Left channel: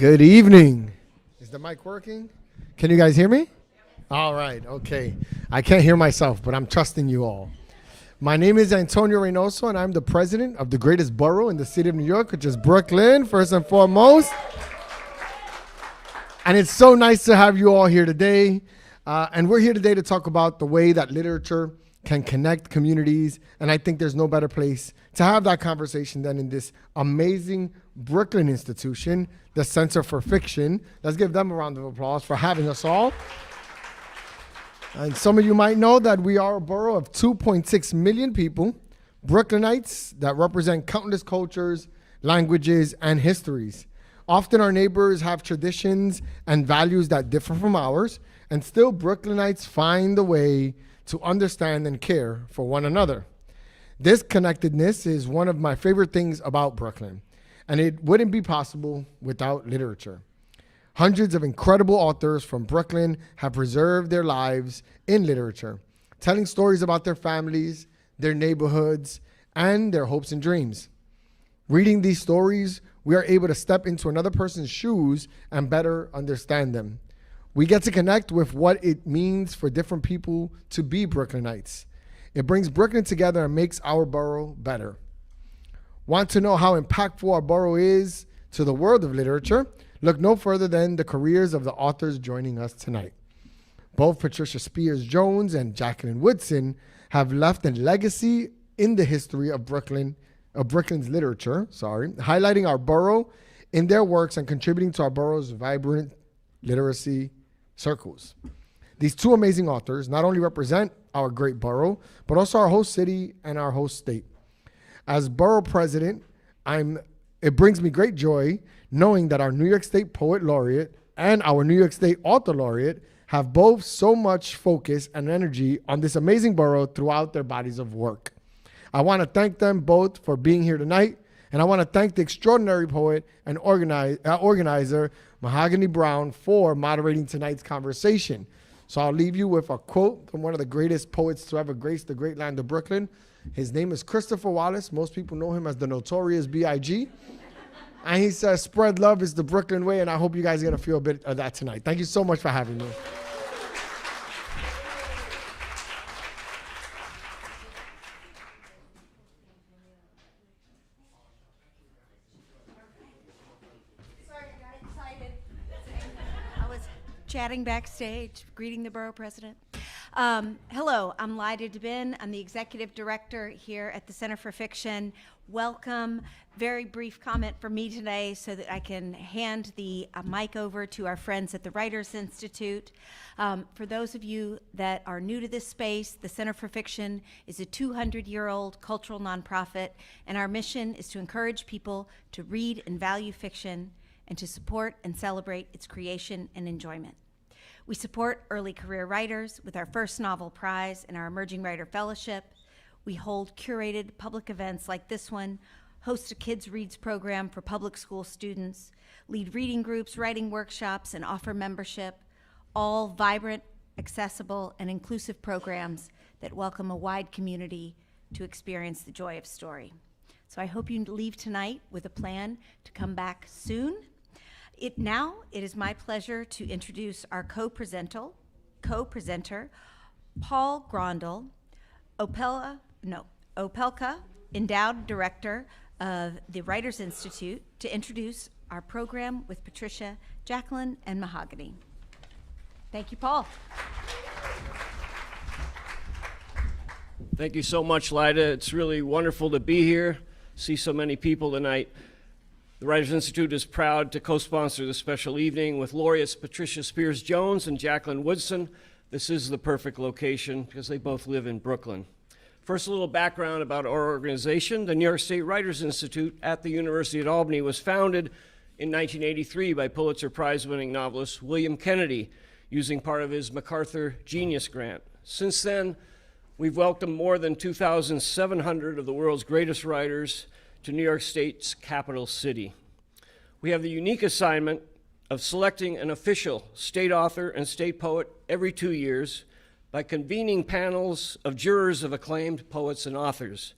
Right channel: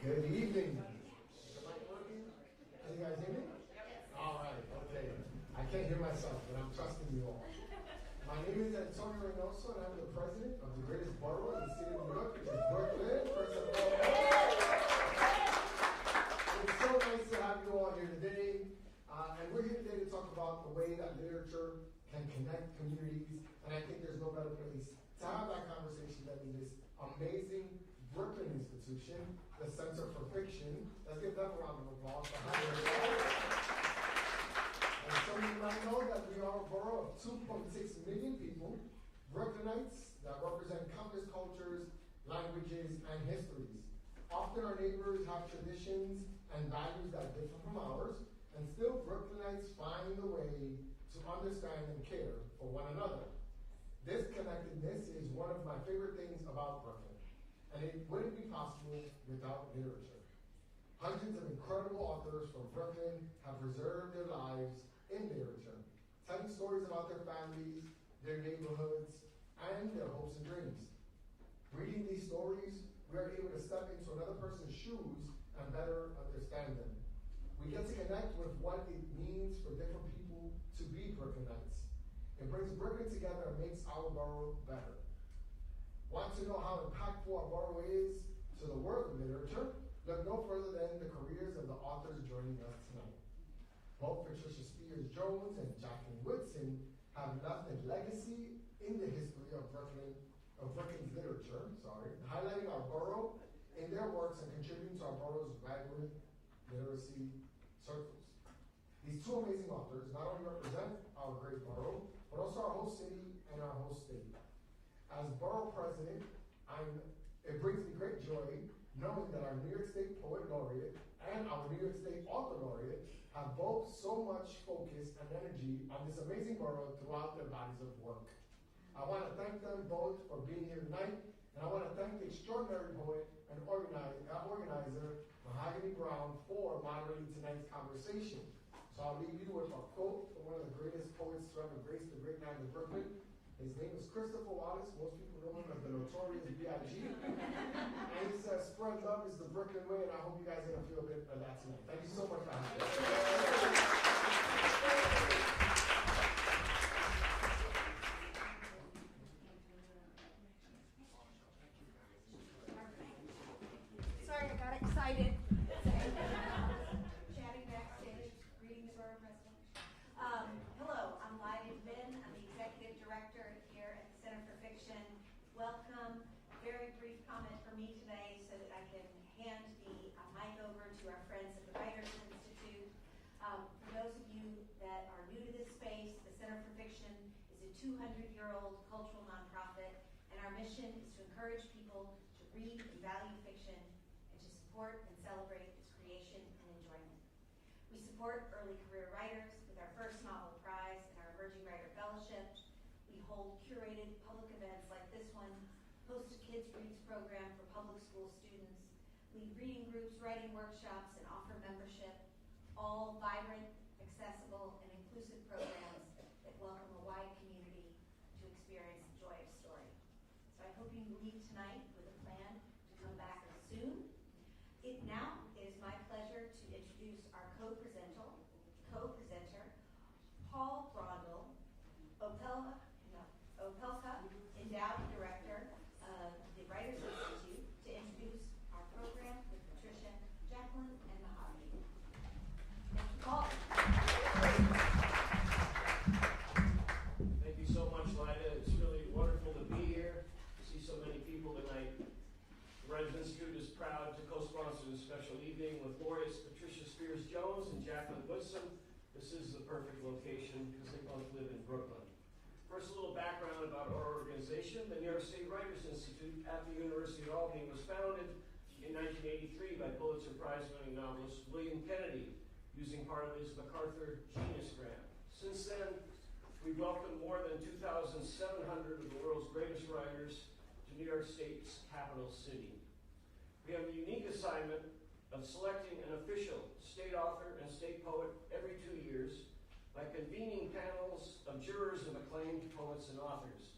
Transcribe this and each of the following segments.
Good evening. Is the mic working? Can you guys hear me? All right, okay. I can't hear myself, but I'm trusting you all. My name is Antonio Reynoso, and I'm the president of the greatest borough in the city of New York, which is Brooklyn, first and foremost. And it's so nice to have you all here today. And we're here today to talk about the way that literature can connect communities. And I think there's no better place to have that conversation than in this amazing Brooklyn institution, the Center for Fiction. Let's give them a round of applause for having us all. And some of you might know that we are a borough of 2.6 million people, Brooklynites that represent countless cultures, languages, and histories. Often our neighbors have traditions and values that differ from ours, and still Brooklynites find a way to understand and care for one another. This connectedness is one of my favorite things about Brooklyn, and it wouldn't be possible without literature. Hundreds of incredible authors from Brooklyn have preserved their lives in literature, telling stories about their families, their neighborhoods, and their hopes and dreams. Reading these stories, we are able to step into another person's shoes and better understand them. We get to connect with what it means for different people to be Brooklynites. It brings Brooklyn together and makes our borough better. Want to know how impactful our borough is to the world of literature? Look no further than the careers of the authors joining us tonight. Both Patricia Spears Jones and Jacqueline Woodson have left a legacy in the history of Brooklyn's literature, highlighting our borough in their works and contributing to our borough's vibrant literacy circles. These two amazing authors not only represent our great borough, but also our host city and our host state. As borough president, it brings me great joy knowing that our New York State Poet Laureate and our New York State Author Laureate have both so much focus and energy on this amazing borough throughout their bodies of work. I want to thank them both for being here tonight, and I want to thank the extraordinary poet and organizer, Mahogany Browne, for moderating tonight's conversation. So I'll leave you with a quote from one of the greatest poets to ever grace the great land of Brooklyn. His name is Christopher Wallace. Most people know him as the Notorious B.I.G. And he says, "Spread love is the Brooklyn way," and I hope you guys are going to feel a bit of that tonight. Thank you so much for having me. Sorry, I got excited. I was chatting backstage, greeting the borough president. Hello, I'm Lyda DeBin. I'm the executive director here at the Center for Fiction. Welcome. Very brief comment from me today so that I can hand the mic over to our friends at the Writers Institute. For those of you that are new to this space, the Center for Fiction is a 200-year-old cultural nonprofit, and our mission is to encourage people to read and value fiction and to support and celebrate its creation and enjoyment. We support early career writers with our first novel prize and our Emerging Writer Fellowship. We hold curated public events like this one, host a Kids Reads program for public school students, lead reading groups, writing workshops, and offer membership, all vibrant, accessible, and inclusive programs that welcome a wide community to experience the joy of story. So I hope you leave tonight with a plan to come back soon. It is my pleasure to introduce our co-presenter, Paul Grondel, Opelka Endowed Director of the Writers Institute, to introduce our program with Patricia, Jacqueline, and Mahogany. Thank you, Paul. Thank you so much, Lyda. It's really wonderful to be here, see so many people tonight. The Writers Institute is proud to co-sponsor this special evening with Laureates Patricia Spears Jones and Jacqueline Woodson. This is the perfect location because they both live in Brooklyn. First, a little background about our organization. The New York State Writers Institute at the University at Albany was founded in 1983 by Pulitzer Prize-winning novelist William Kennedy, using part of his MacArthur Genius Grant. Since then, we've welcomed more than 2,700 of the world's greatest writers to New York State's capital city. We have the unique assignment of selecting an official state author and state poet every 2 years by convening panels of jurors of acclaimed poets and authors.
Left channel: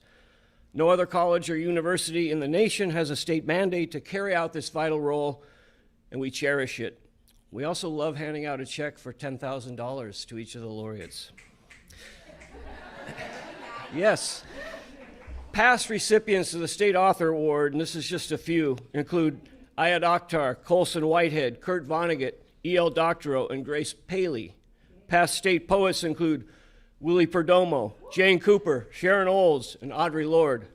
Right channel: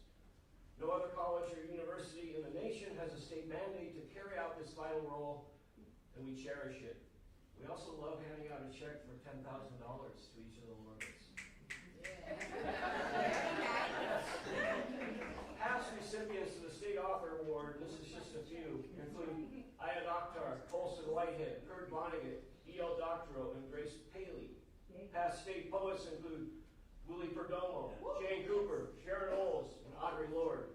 No other college or university in the nation has a state mandate to carry out this vital role, and we cherish it. We also love handing out a check for $10,000 to each of the laureates. Yes. Past recipients of the State Author Award, and this is just a few, include Ayad Akhtar, Colson Whitehead, Kurt Vonnegut, E.L. Doctorow, and Grace Paley. Past state poets include Willie Perdomo, Jane Cooper, Sharon Olds, and Audre Lorde.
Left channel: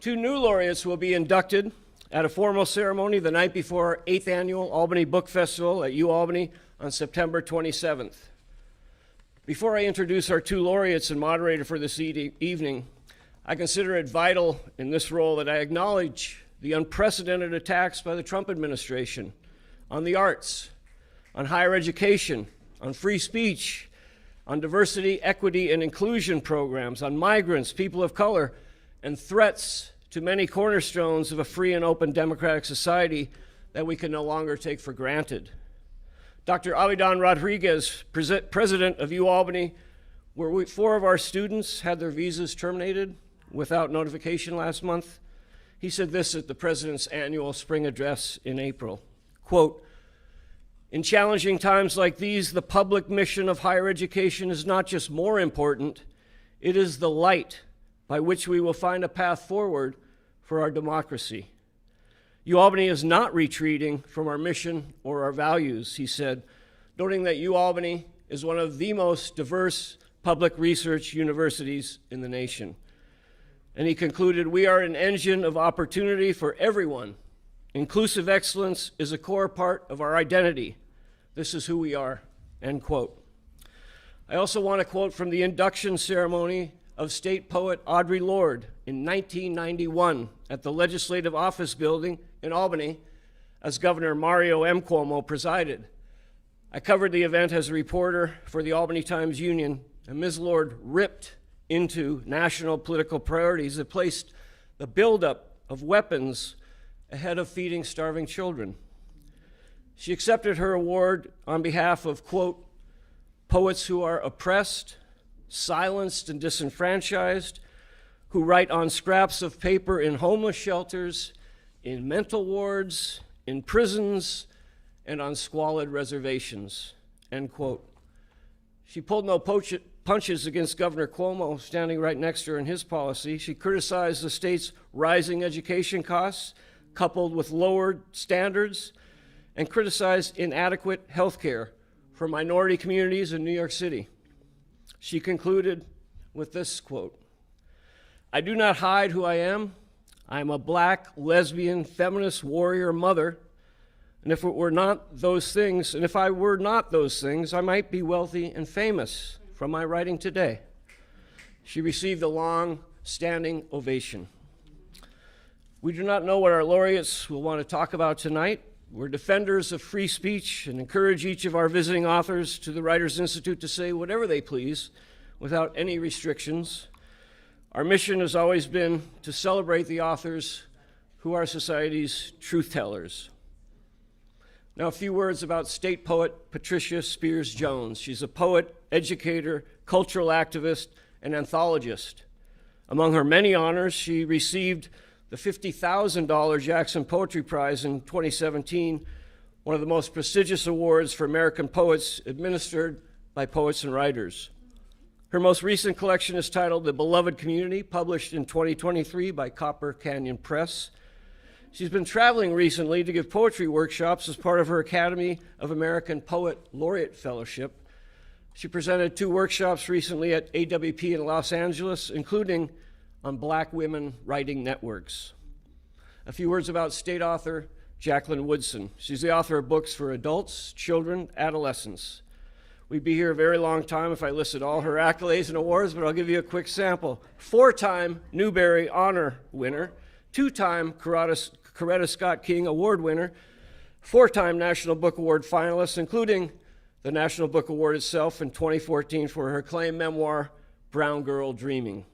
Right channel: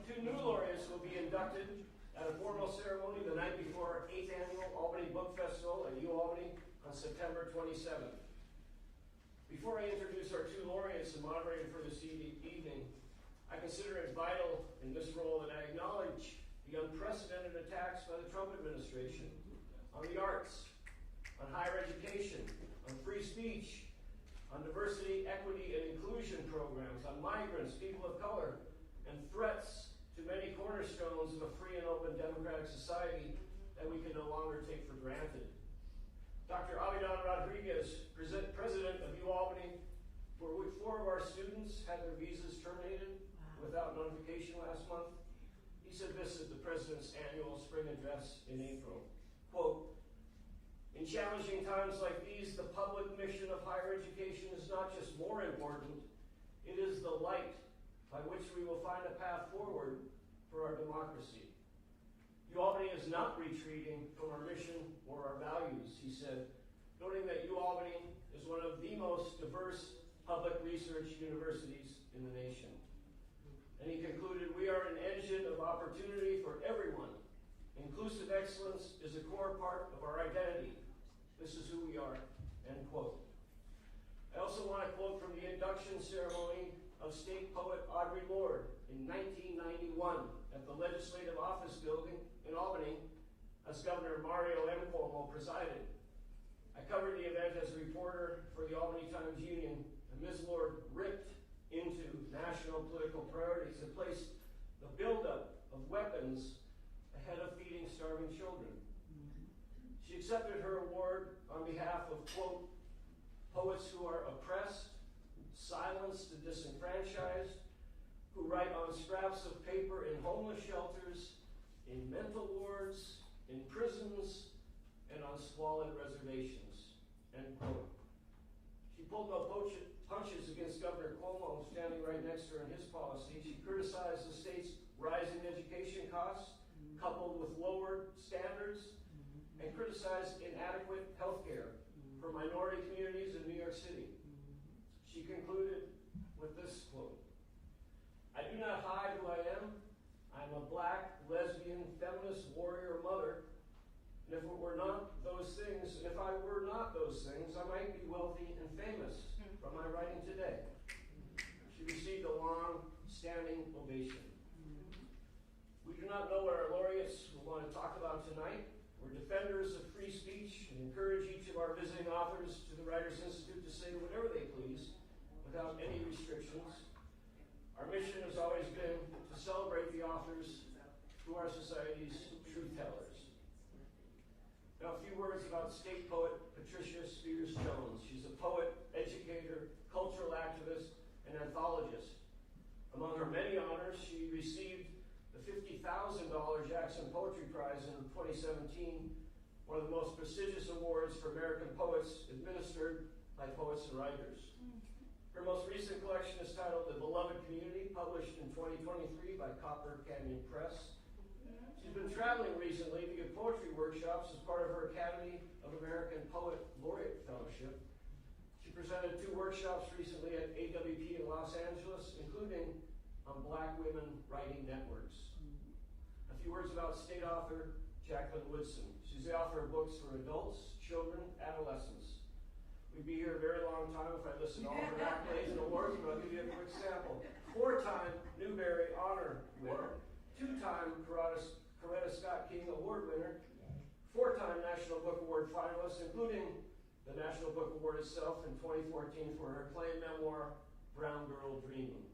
2 new laureates will be inducted at a formal ceremony the night before our 8th annual Albany Book Festival at UAlbany on September 27th. Before I introduce our 2 laureates and moderator for this evening, I consider it vital in this role that I acknowledge the unprecedented attacks by the Trump administration on the arts, on higher education, on free speech, on diversity, equity, and inclusion programs, on migrants, people of color, and threats to many cornerstones of a free and open democratic society that we can no longer take for granted. Dr. Avidan Rodriguez, president of UAlbany, where 4 of our students had their visas terminated without notification last month, he said this at the president's annual spring address in April, quote, "In challenging times like these, the public mission of higher education is not just more important, it is the light by which we will find a path forward for our democracy. UAlbany is not retreating from our mission or our values," he said, noting that UAlbany is one of the most diverse public research universities in the nation. And he concluded, "We are an engine of opportunity for everyone. Inclusive excellence is a core part of our identity. This is who we are," end quote. I also want to quote from the induction ceremony of state poet Audre Lorde in 1991 at the Legislative Office Building in Albany, as Governor Mario M. Cuomo presided. I covered the event as a reporter for the Albany Times-Union, and Ms. Lorde ripped into national political priorities that placed the buildup of weapons ahead of feeding starving children. She accepted her award on behalf of, quote, "poets who are oppressed, silenced, and disenfranchised, who write on scraps of paper in homeless shelters, in mental wards, in prisons, and on squalid reservations," end quote. She pulled no punches against Governor Cuomo, standing right next to her in his policy. She criticized the state's rising education costs, coupled with lowered standards, and criticized inadequate health care for minority communities in New York City. She concluded with this quote, "I do not hide who I am. I am a Black, lesbian, feminist warrior mother, and if I were not those things, I might be wealthy and famous from my writing today." She received a long standing ovation. We do not know what our laureates will want to talk about tonight. We're defenders of free speech and encourage each of our visiting authors to the Writers Institute to say whatever they please without any restrictions. Our mission has always been to celebrate the authors who are society's truth tellers. Now, a few words about state poet Patricia Spears Jones. She's a poet, educator, cultural activist, and anthologist. Among her many honors, she received the $50,000 Jackson Poetry Prize in 2017, one of the most prestigious awards for American poets administered by poets and writers. Her most recent collection is titled The Beloved Community, published in 2023 by Copper Canyon Press. She's been traveling recently to give poetry workshops as part of her Academy of American Poet Laureate Fellowship. She presented 2 workshops recently at AWP in Los Angeles, including on Black women writing networks. A few words about state author Jacqueline Woodson. She's the author of books for adults, children, adolescents. We'd be here a very long time if I listed all her accolades and awards, but I'll give you a quick sample. 4-time Newbery Honor winner, 2-time Coretta Scott King Award winner, 4-time National Book Award finalist, including the National Book Award itself in 2014 for her acclaimed memoir, Brown Girl Dreaming.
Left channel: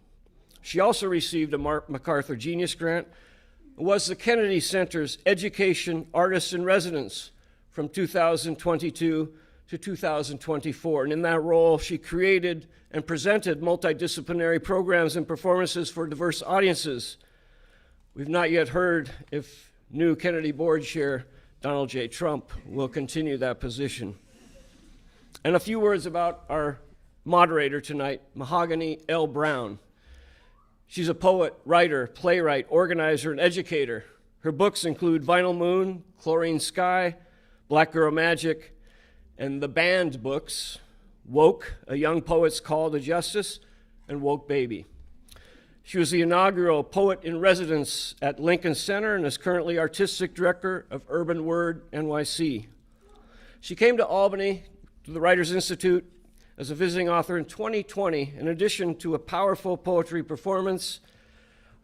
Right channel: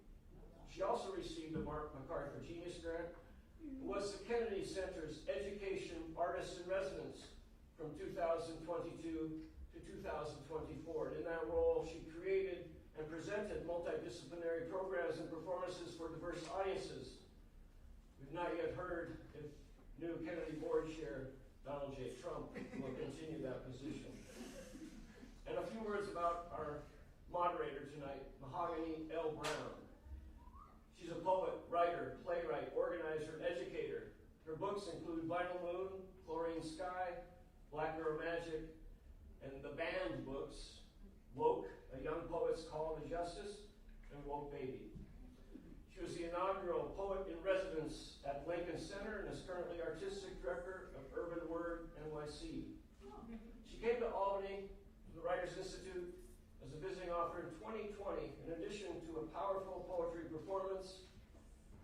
She also received a MacArthur Genius Grant and was the Kennedy Center's Education Artist in Residence from 2022 to 2024. And in that role, she created and presented multidisciplinary programs and performances for diverse audiences. We've not yet heard if new Kennedy Board Chair Donald J. Trump will continue that position. And a few words about our moderator tonight, Mahogany L. Browne. She's a poet, writer, playwright, organizer, and educator. Her books include Vinyl Moon, Chlorine Sky, Black Girl Magic, and the banned books, Woke, A Young Poet's Call to Justice, and Woke Baby. She was the inaugural poet in residence at Lincoln Center and is currently artistic director of Urban Word NYC. She came to Albany to the Writers Institute as a visiting author in 2020. In addition to a powerful poetry performance,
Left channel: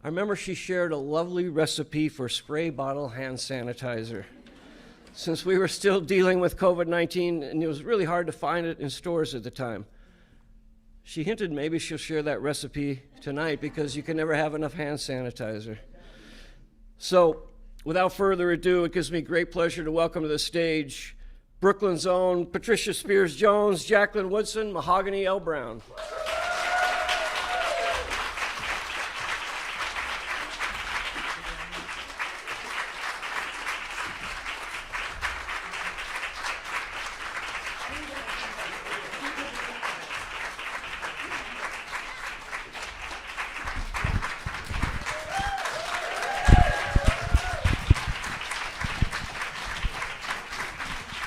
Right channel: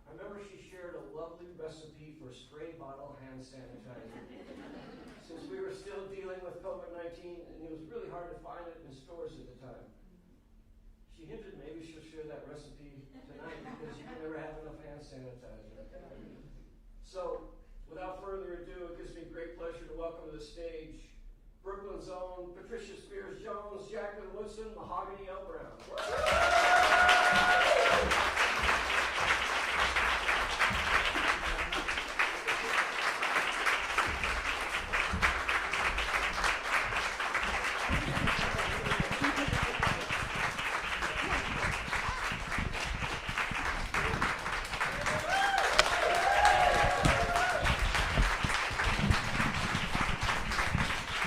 I remember she shared a lovely recipe for spray bottle hand sanitizer. Since we were still dealing with COVID-19 and it was really hard to find it in stores at the time. She hinted maybe she'll share that recipe tonight because you can never have enough hand sanitizer. So without further ado, it gives me great pleasure to welcome to the stage Brooklyn's own Patricia Spears Jones, Jacqueline Woodson, Mahogany L. Browne.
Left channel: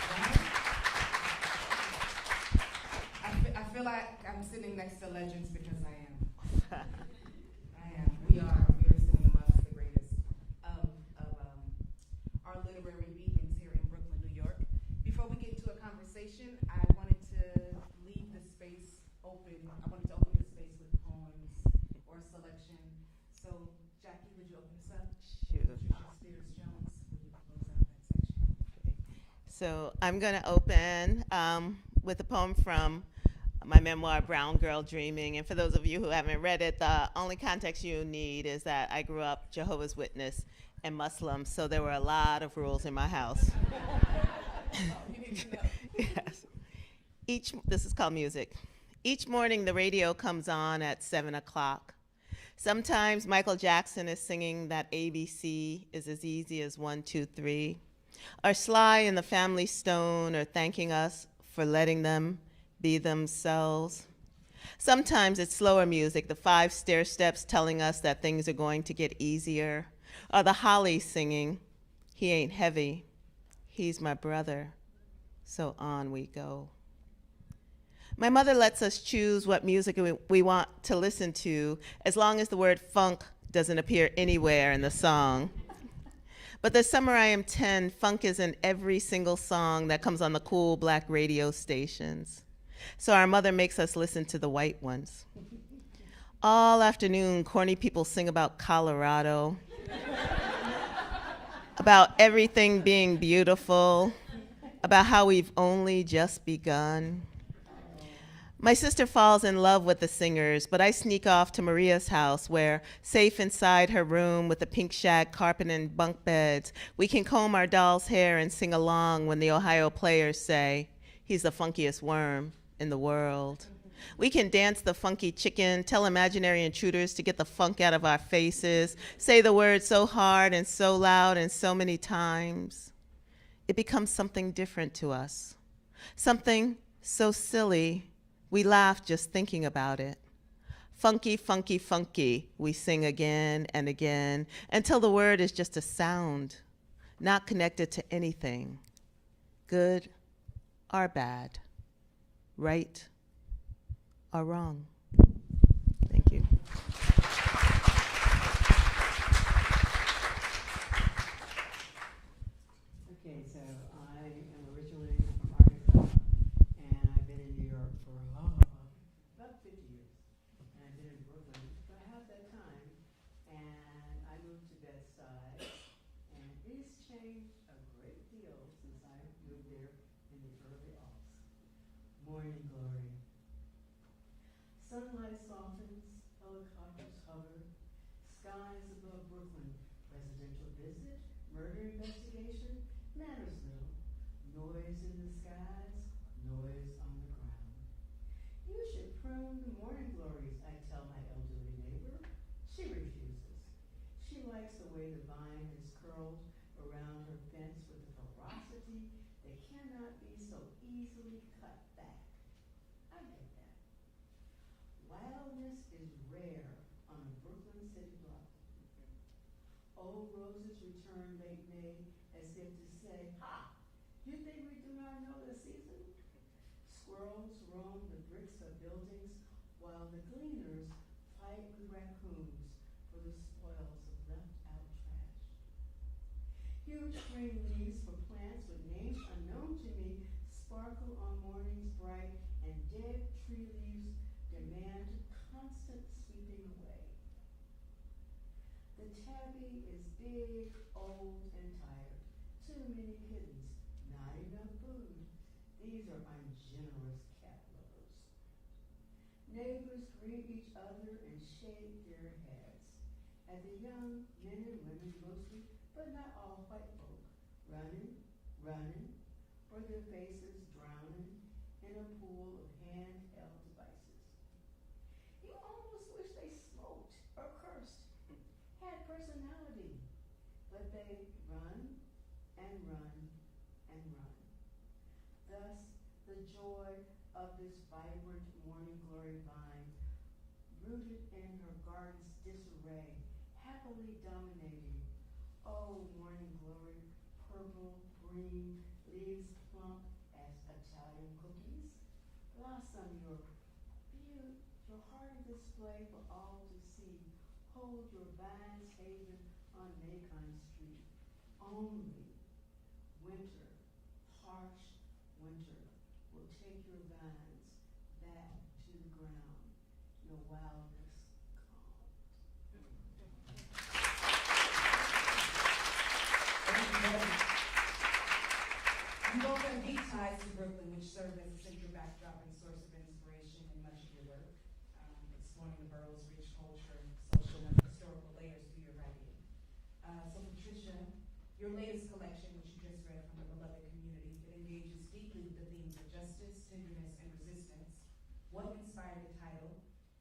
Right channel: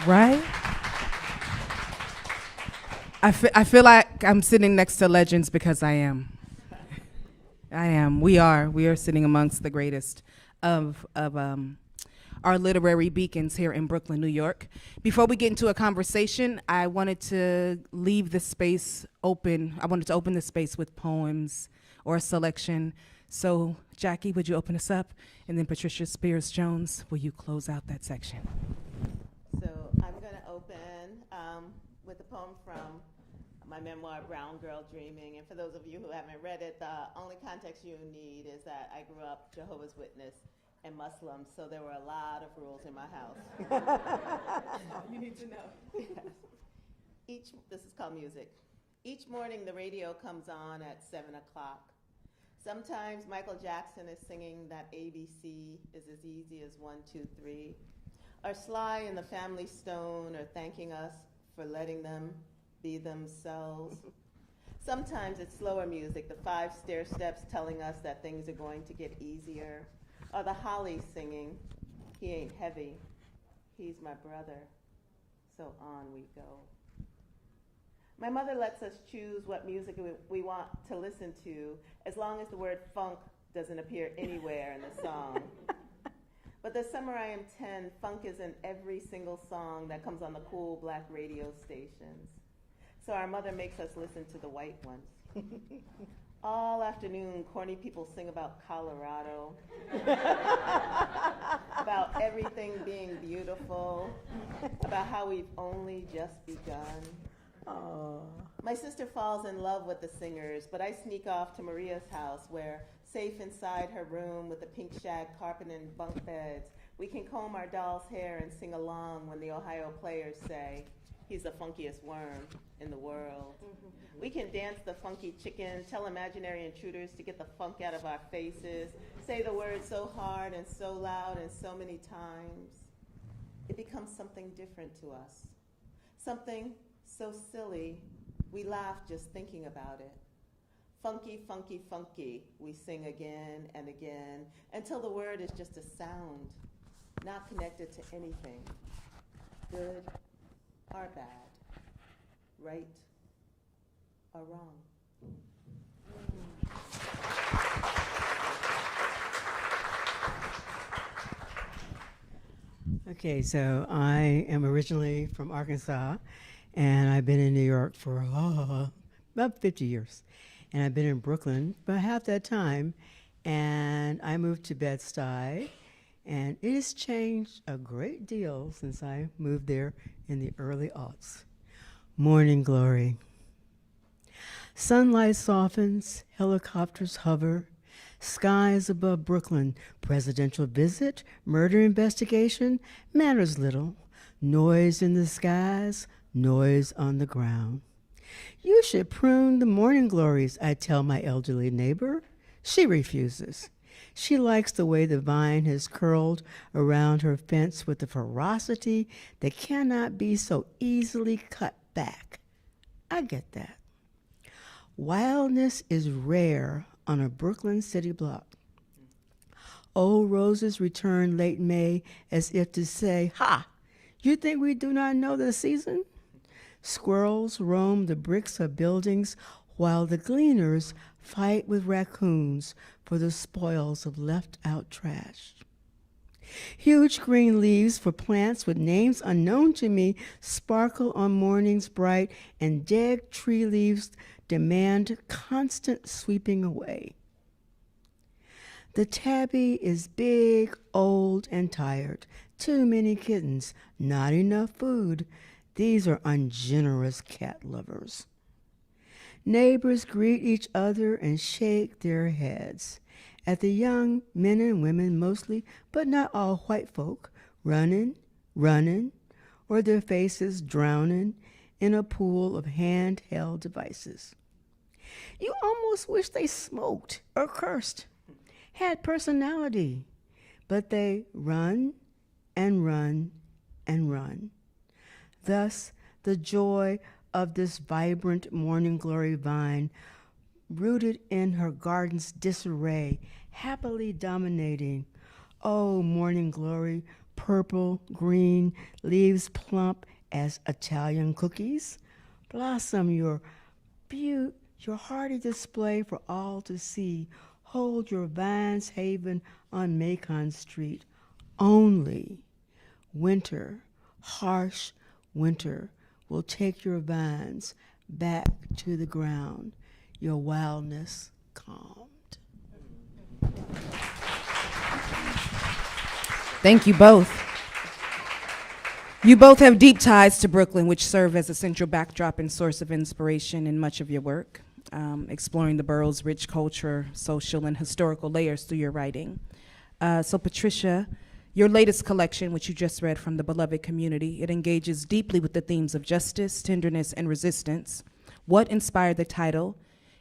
Right? I feel like I'm sitting next to legends because I am. I am. We are sitting amongst the greatest of our literary beacons here in Brooklyn, New York. Before we get into a conversation, I wanted to leave the space open. I wanted to open the space with poems or a selection. So, Jackie, would you open us up? And then Patricia Spears Jones, will you close out that section? So I'm going to open with a poem from my memoir, Brown Girl Dreaming. And for those of you who haven't read it, the only context you need is that I grew up Jehovah's Witness and Muslim, so there were a lot of rules in my house. You need to know. Yes. This is called music. Each morning the radio comes on at 7 o'clock. Sometimes Michael Jackson is singing that ABC is as easy as 1, 2, 3. Or Sly and the Family Stone are thanking us for letting them be themselves. Sometimes it's slower music, the 5 stair steps telling us that things are going to get easier. Or the Hollies singing, he ain't heavy, he's my brother, so on we go. My mother lets us choose what music we want to listen to, as long as the word funk doesn't appear anywhere in the song. But this summer I am 10, funk is in every single song that comes on the cool black radio stations. So our mother makes us listen to the white ones. All afternoon, corny people sing about Colorado, about everything being beautiful, about how we've only just begun. My sister falls in love with the singers, but I sneak off to Maria's house where, safe inside her room with a pink shag carpet and bunk beds, we can comb our doll's hair and sing along when the Ohio players say, he's the funkiest worm in the world. We can dance the funky chicken, tell imaginary intruders to get the funk out of our faces, say the word so hard and so loud and so many times. It becomes something different to us, something so silly we laugh just thinking about it. Funky, funky, funky, we sing again and again until the word is just a sound, not connected to anything, good or bad, right or wrong. Thank you. Okay, so I am originally from Arkansas, and I've been in New York for about 50 years. And I've been in Brooklyn about half that time, and I moved to Bed-Stuy, and it has changed a great deal since I moved there in the early aughts. Morning glory. Sunlight softens, helicopters hover, skies above Brooklyn, presidential visit, murder investigation, matters little, noise in the skies, noise on the ground. You should prune the morning glories, I tell my elderly neighbor. She refuses. She likes the way the vine has curled around her fence with a ferocity that cannot be so easily cut back. I get that. Wildness is rare on a Brooklyn city block. Old roses return late May as if to say, "Ha! You think we do not know the season?" Squirrels roam the bricks of buildings while the gleaners fight with raccoons for the spoils of left-out trash. Huge green leaves for plants with names unknown to me sparkle on mornings bright, and dead tree leaves demand constant sweeping away. The tabby is big, old, and tired. Too many kittens, not enough food. These are ungenerous cat lovers. Neighbors greet each other and shake their heads at the young men and women mostly, but not all white folk, running, or their faces drowning in a pool of handheld devices. You almost wish they smoked or cursed, had personality, but they run and run and run. Thus, the joy of this vibrant morning glory vine, rooted in her garden's disarray, happily dominating. Oh, morning glory, purple, green, leaves plump as Italian cookies. Blossom your hearty display for all to see. Hold your vine's haven on Macon Street. Only winter, harsh winter, will take your vines back to the ground, your wildness calmed. Thank you both. You both have deep ties to Brooklyn, which serve as a central backdrop and source of inspiration in much of your work, exploring the borough's rich culture, social, and historical layers through your writing. So Patricia, your latest collection, which you just read from The Beloved Community, it engages deeply with the themes of justice, tenderness, and resistance. What inspired the title,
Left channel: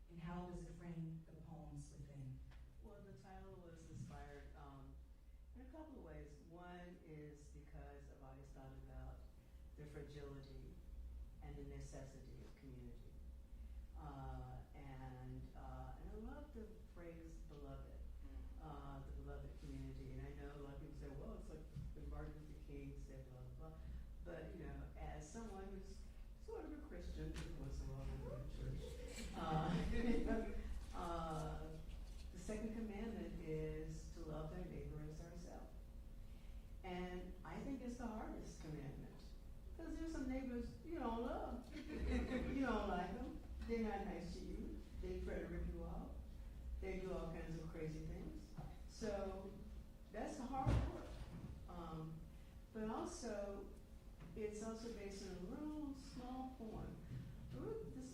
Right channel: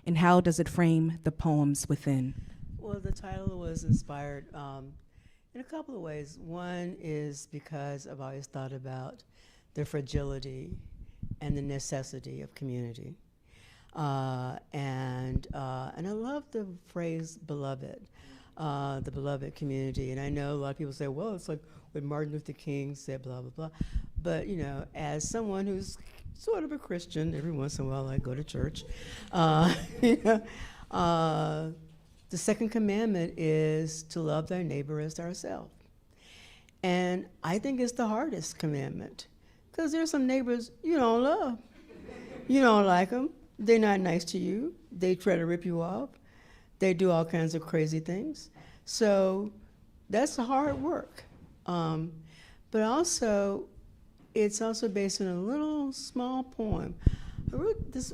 and how does it frame the poems within? Well, the title was inspired in a couple of ways. One is because I've always thought about the fragility and the necessity of community. And I love the phrase beloved, the beloved community. And I know a lot of people say, well, it's like when Martin Luther King said blah, blah, blah. But, you know, as someone who's sort of a Christian, every once in a while I go to church, the second commandment is to love thy neighbor as ourselves. And I think it's the hardest commandment, because there's some neighbors you don't love. You don't like them. They're not nice to you. They try to rip you off. They do all kinds of crazy things. So that's hard work. But also, it's also based on a little small poem. I wrote this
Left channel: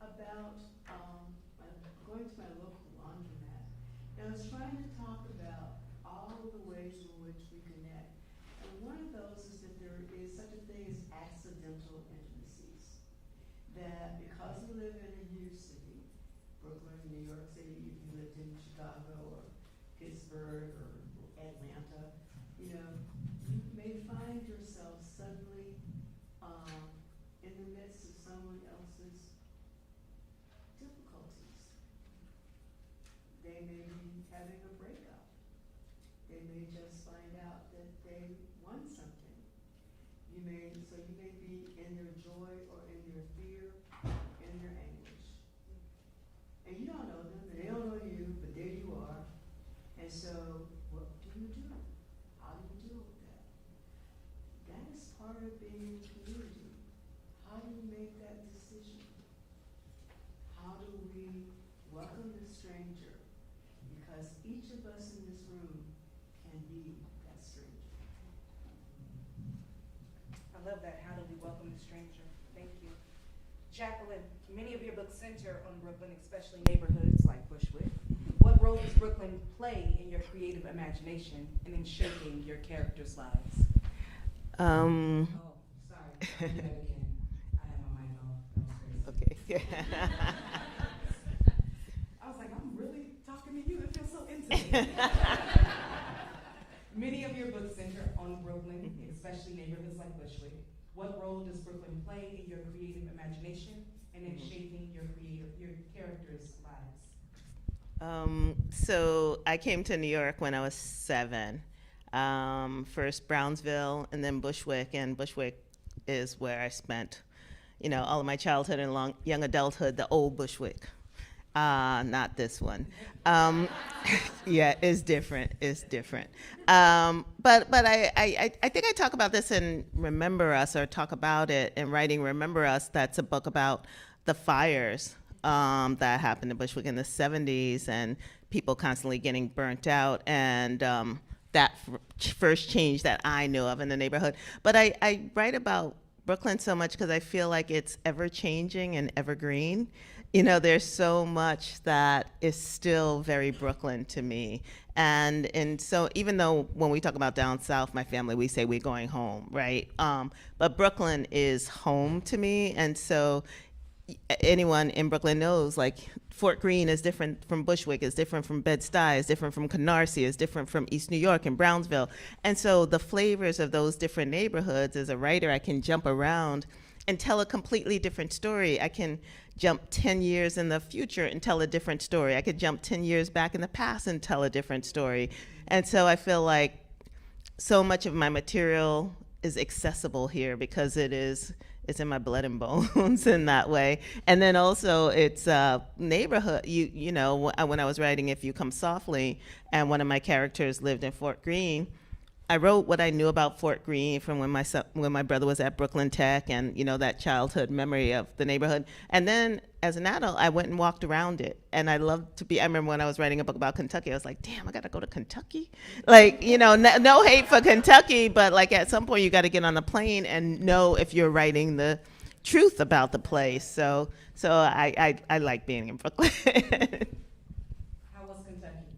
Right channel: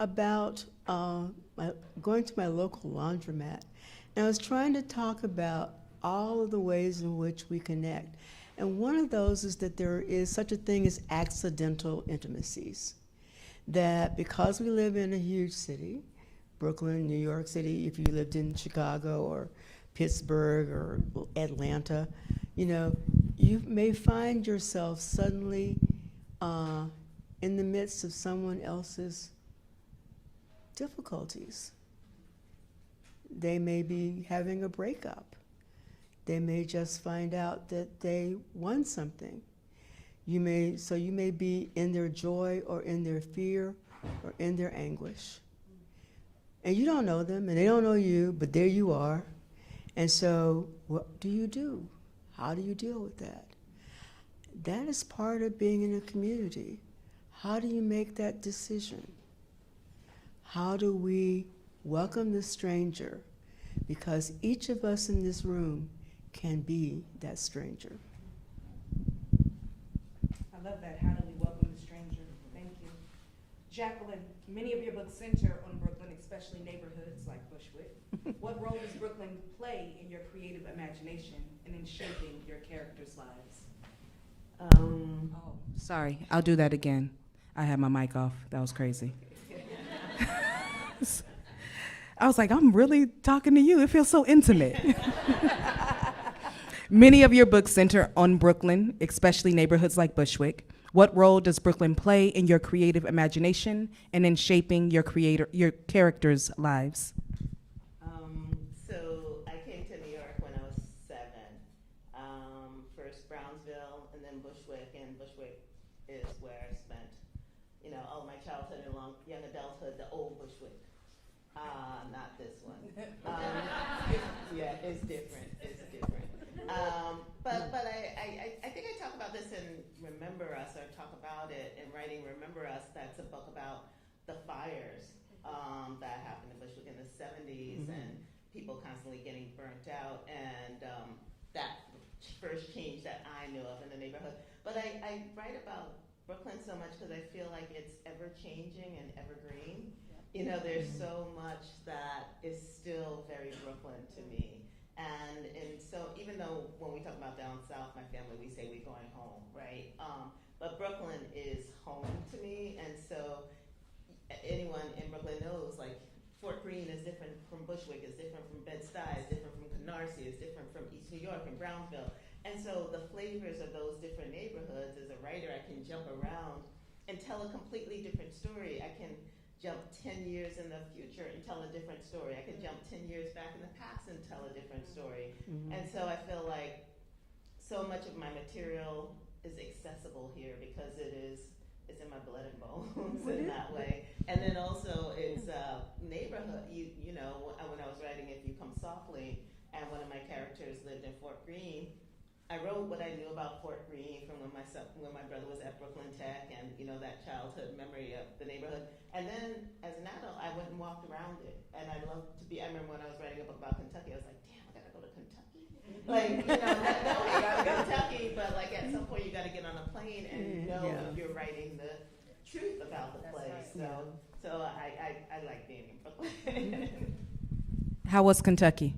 about going to my local laundromat. And I was trying to talk about all of the ways in which we connect. And one of those is that there is such a thing as accidental intimacies. That because we live in a huge city, Brooklyn, New York City, if you lived in Chicago or Pittsburgh or Atlanta, you know, you may find yourself suddenly in the midst of someone else's difficulties. They may be having a breakup. They may just find out that they won something. You may be in their joy or in their fear or in their anguish. And you don't know them and they don't know you, but there you are. And so what do you do? How do you deal with that? That is part of being in a community. How do you make that decision? How do we welcome the stranger? Because each of us in this room can be that stranger. I love that. How do we welcome the stranger? Thank you. Jacqueline, many of your books center on Brooklyn, especially neighborhoods like Bushwick. What role does Brooklyn play in your creative imagination and in shaping your characters' lives? Oh, sorry. I'll do that again. I had my mic off. That was crazy. Okay. I was like, I'm really talking to you. It feels so intimate. Many of your books center on Brooklyn, especially neighborhoods like Bushwick. What role does Brooklyn play in your creative imagination and in shaping your characters' lives? So I came to New York when I was 7. First Brownsville and then Bushwick, and Bushwick is where I spent, all of my childhood and young adulthood, the old Bushwick. Not this one. Yeah, it's different. But I think I talk about this in Remember Us, or talk about it in writing Remember Us. That's a book about the fires that happened in Bushwick in the 70s, and people constantly getting burnt out, and that first change that I knew of in the neighborhood. But I write about Brooklyn so much because I feel like it's ever-changing and evergreen. There's so much that is still very Brooklyn to me. And so even though when we talk about down south, my family, we say we're going home, right? But Brooklyn is home to me. And so anyone in Brooklyn knows, like, Fort Greene is different from Bushwick, is different from Bed-Stuy, is different from Canarsie, is different from East New York and Brownsville. And so the flavors of those different neighborhoods, as a writer, I can jump around and tell a completely different story. I can jump 10 years in the future and tell a different story. I could jump 10 years back in the past and tell a different story. Mm-hmm. And so I feel like so much of my material is accessible here because it's in my blood and bones in that way. And then also it's neighborhood. When I was writing If You Come Softly, and one of my characters lived in Fort Greene, I wrote what I knew about Fort Greene from when my brother was at Brooklyn Tech, and that childhood memory of the neighborhood. And then as an adult, I went and walked around it. And I remember when I was writing a book about Kentucky, I was like, damn, I gotta go to Kentucky? Like, no hate for Kentucky, but like at some point you gotta get on the plane and know if you're writing the truth about the place. So I like being in Brooklyn. How was Kentucky?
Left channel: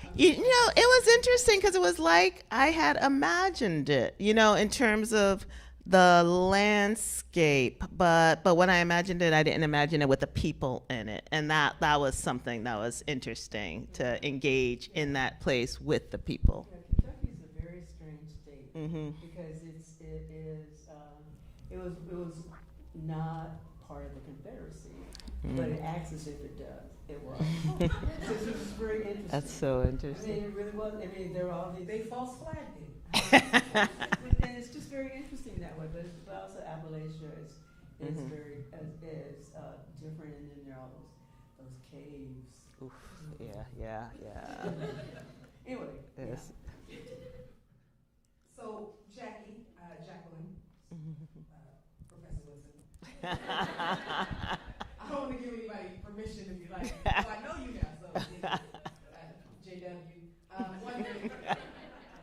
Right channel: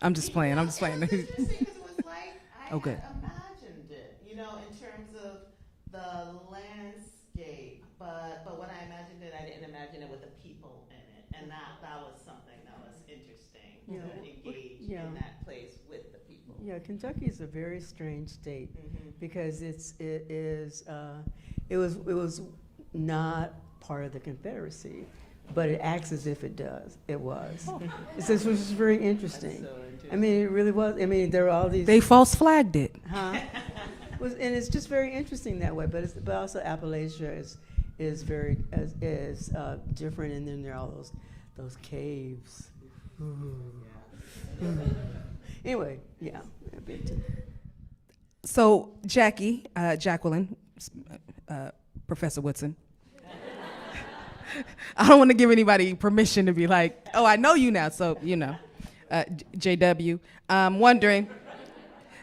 I'm just playing. It was interesting because it was like I had imagined it, in terms of the landscape. But when I imagined it, I didn't imagine it with the people in it, and that was something that was interesting to engage in that place with the people. Yeah, Kentucky is a very strange state because it was not part of the Confederacy. But it acts as if it does. It was. This was very interesting. That's so interesting. I mean, it really was. I mean, there were all these. They false flagged it. And it's just very interesting that way. But also Appalachia is very different, and then there are all those caves. Yeah. Anyway, yeah. So Jacqueline, Professor Woodson. I don't want to give anybody permission to be like, oh, I know you now, so, JW. I'm wondering,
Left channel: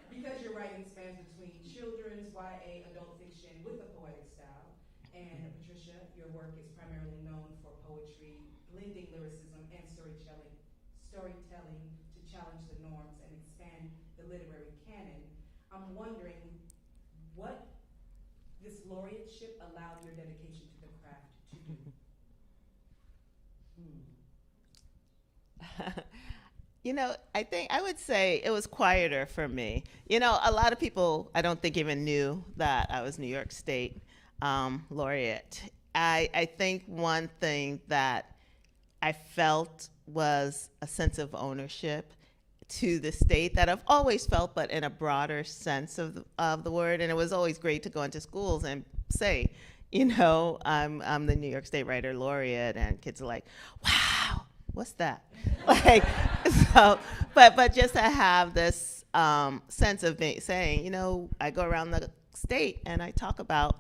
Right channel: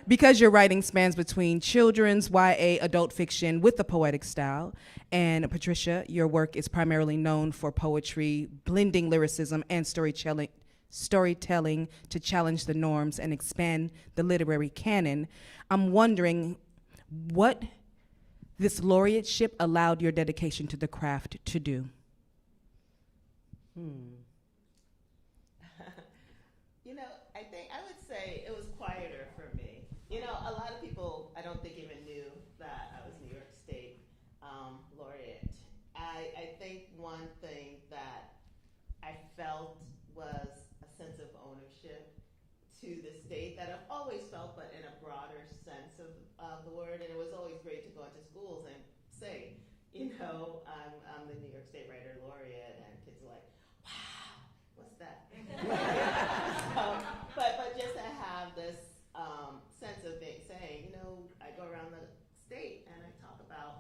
because your writing spans between children's, YA, adult fiction with a poetic style, and Patricia, your work is primarily known for poetry, blending lyricism and storytelling to challenge the norms and expand the literary canon, I'm wondering what this laureateship allowed your dedication to the craft to do. I think I would say it was quieter for me. A lot of people I don't think even knew that I was New York State Laureate. I think one thing that I felt was a sense of ownership to the state that I've always felt, but in a broader sense of the word. And it was always great to go into schools and say, I'm the New York State Writer Laureate, and kids are like, wow, what's that? But just to have this sense of saying, I go around the state and I talk about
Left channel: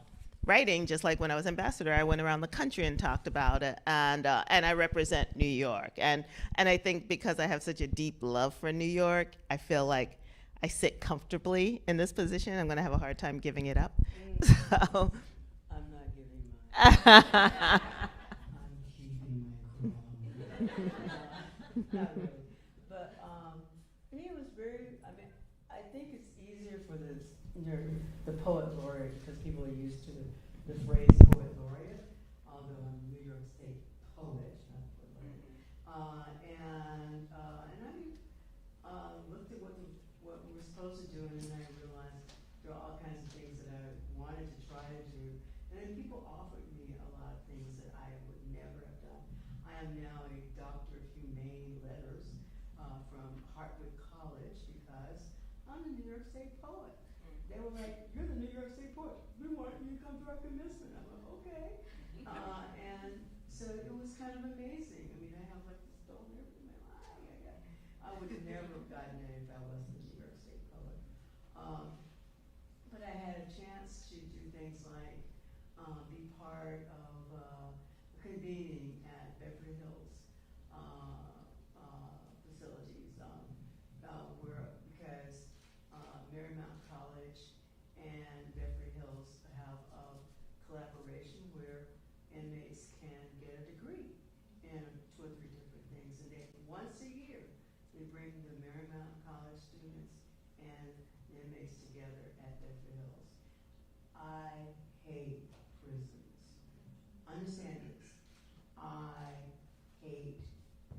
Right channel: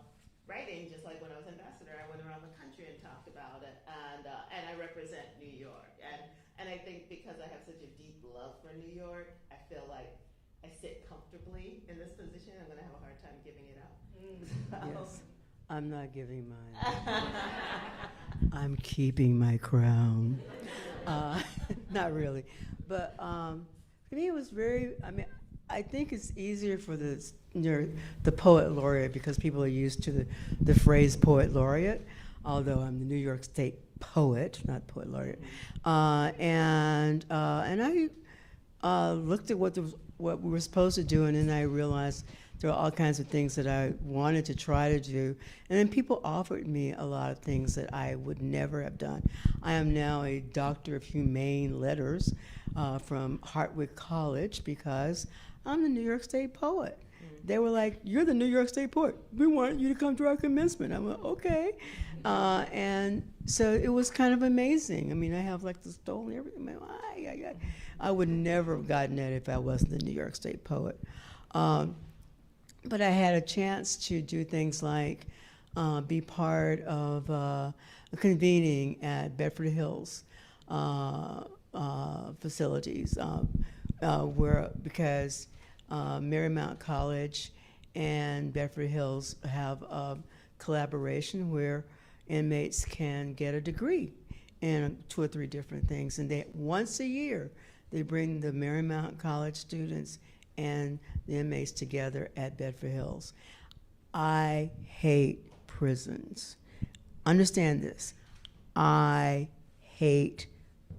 writing, just like when I was ambassador, I went around the country and talked about it, and I represent New York. And I think because I have such a deep love for New York, I feel like I sit comfortably in this position. I'm gonna have a hard time giving it up. So. Yes. I'm not giving mine. I'm keeping my crown. Not really. But for me, it was I think it's easier for the poet laureate because people are used to the phrase poet laureate. although I'm the New York State Poet, not Poet Laureate. And I looked at what we were supposed to do, and then I realized there were all kinds of things that I wanted to try to do. And then people offered me a lot of things that I would never have done. I am now a Doctor of Humane Letters from Hartwick College because I'm the New York State Poet. They were like, "You're the New York State Poet. We want you to come to our commencement." I'm like, "Okay." And so it was kind of amazing. I mean, I have like the stole and everything. I would never have gotten that if I wasn't the New York State Poet. But I had a chance to do things like be part of a convening at Bedford Hills facilities, because Marymount College and Bedford Hills have a collaboration where inmates can get a degree in 2 or 3 different things. And they, once a year, they bring the Marymount College students and the inmates together at Bedford Hills. I hate prisons. Understand this. I hate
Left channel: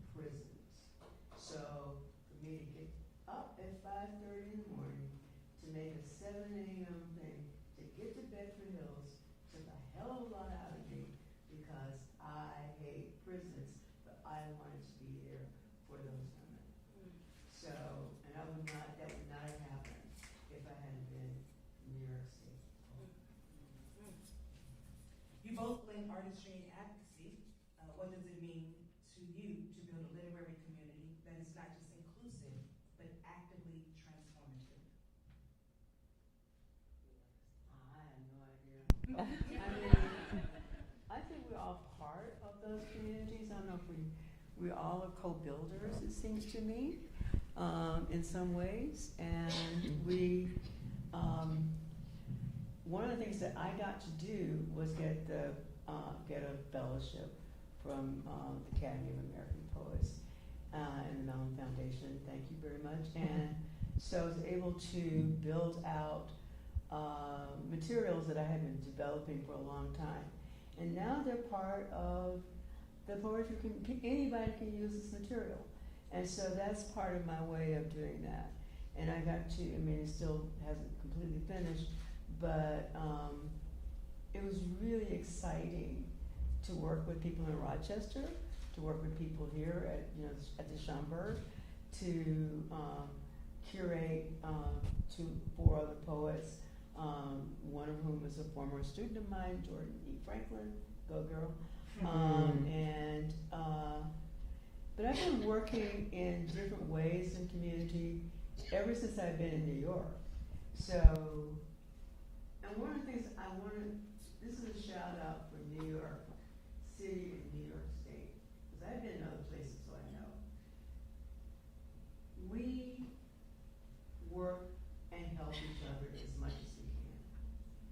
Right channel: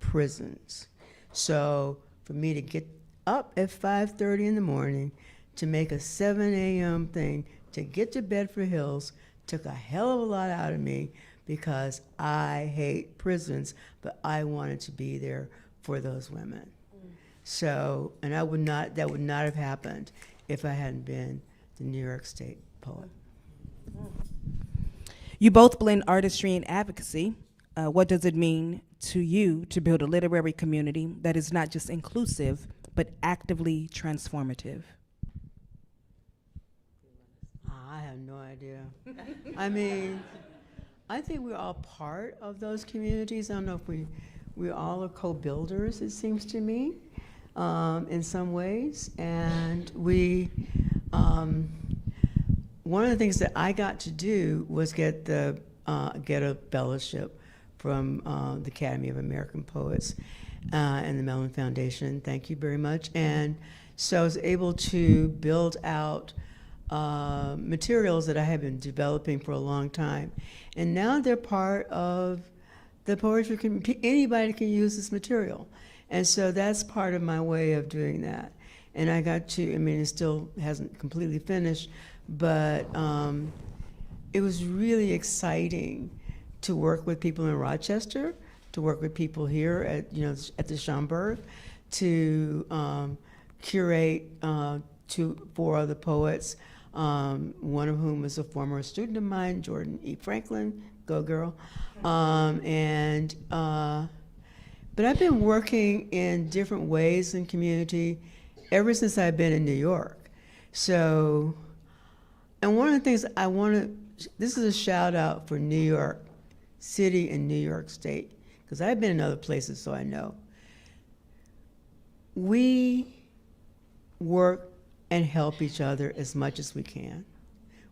prisons. So for me to get up at 5:30 in the morning to make a 7 a.m. thing to get to Bedford Hills took a hell of a lot out of me because I hate prisons, but I wanted to be there for those women. So, and that would not have happened if I hadn't been the New York State Poet. You both blend artistry and advocacy. What does it mean to you to build a literary community that is not just inclusive, but actively transformative? I have no idea. I mean, I think we're all part of those communities. I don't know if we all are co-builders, it seems to me, in some ways. And one of the things that I got to do was get a fellowship from the Academy of American Poets and the Mellon Foundation. Thank you very much. And so I was able to build out materials that I have been developing for a long time. And now they're part of the poetry community. Anybody can use this material. And so that's part of my way of doing that. And I got to, I mean, it still hasn't completely finished, but it was really exciting to work with people in Rochester, to work with people here at the Schomburg, to curate 4 other poets, one of whom is a former student of mine, Jordan E. Franklin, go girl. But I've been working in different ways in community ever since I've been in New York. So, and one of the things I want to, this is a shout out for New York City and New York State, because I've been in other places, so I know. We work and help each other as much as we can.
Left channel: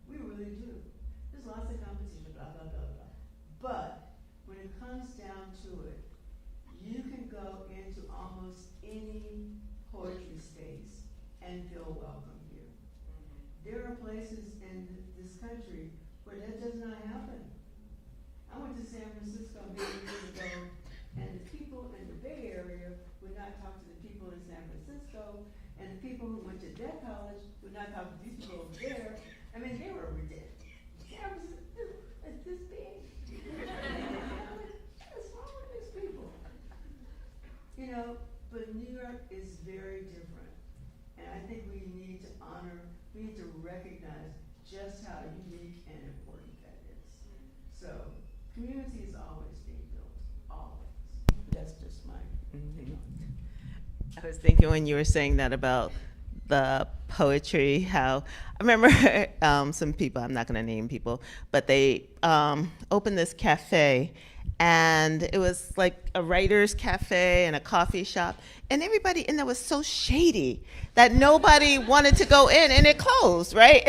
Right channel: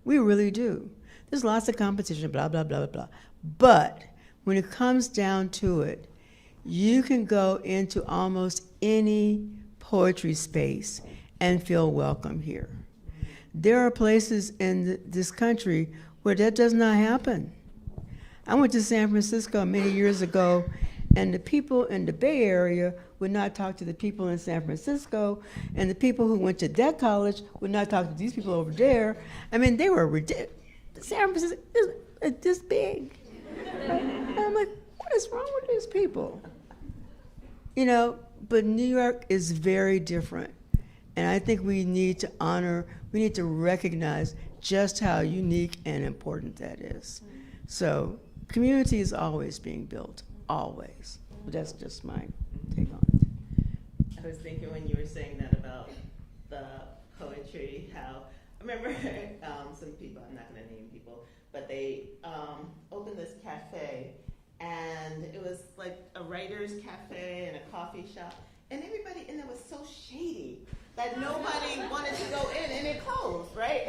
We really do. There's lots of competition, blah, blah, blah, blah, blah. But when it comes down to it, you can go into almost any poetry space and feel welcome here. There are places in this country where that does not happen. I went to San Francisco many years ago, and the people in the Bay Area would not talk to the people in San Francisco, and the people who went to that college would not talk to these people over there. I mean, they were ridiculous. San Francisco is this big. And I'm like, what is wrong with these people? You know, but New York is very different. And I think we need to honor, we need to recognize just how unique and important that is. So community is always being built, always. That's just my take on it. I was thinking when you were saying that about the poetry, how I remember some people, I'm not going to name people, but they opened this cafe, and it was like a writer's cafe and a coffee shop, and everybody in there was so shady that nobody wanted to go in, and it closed, right?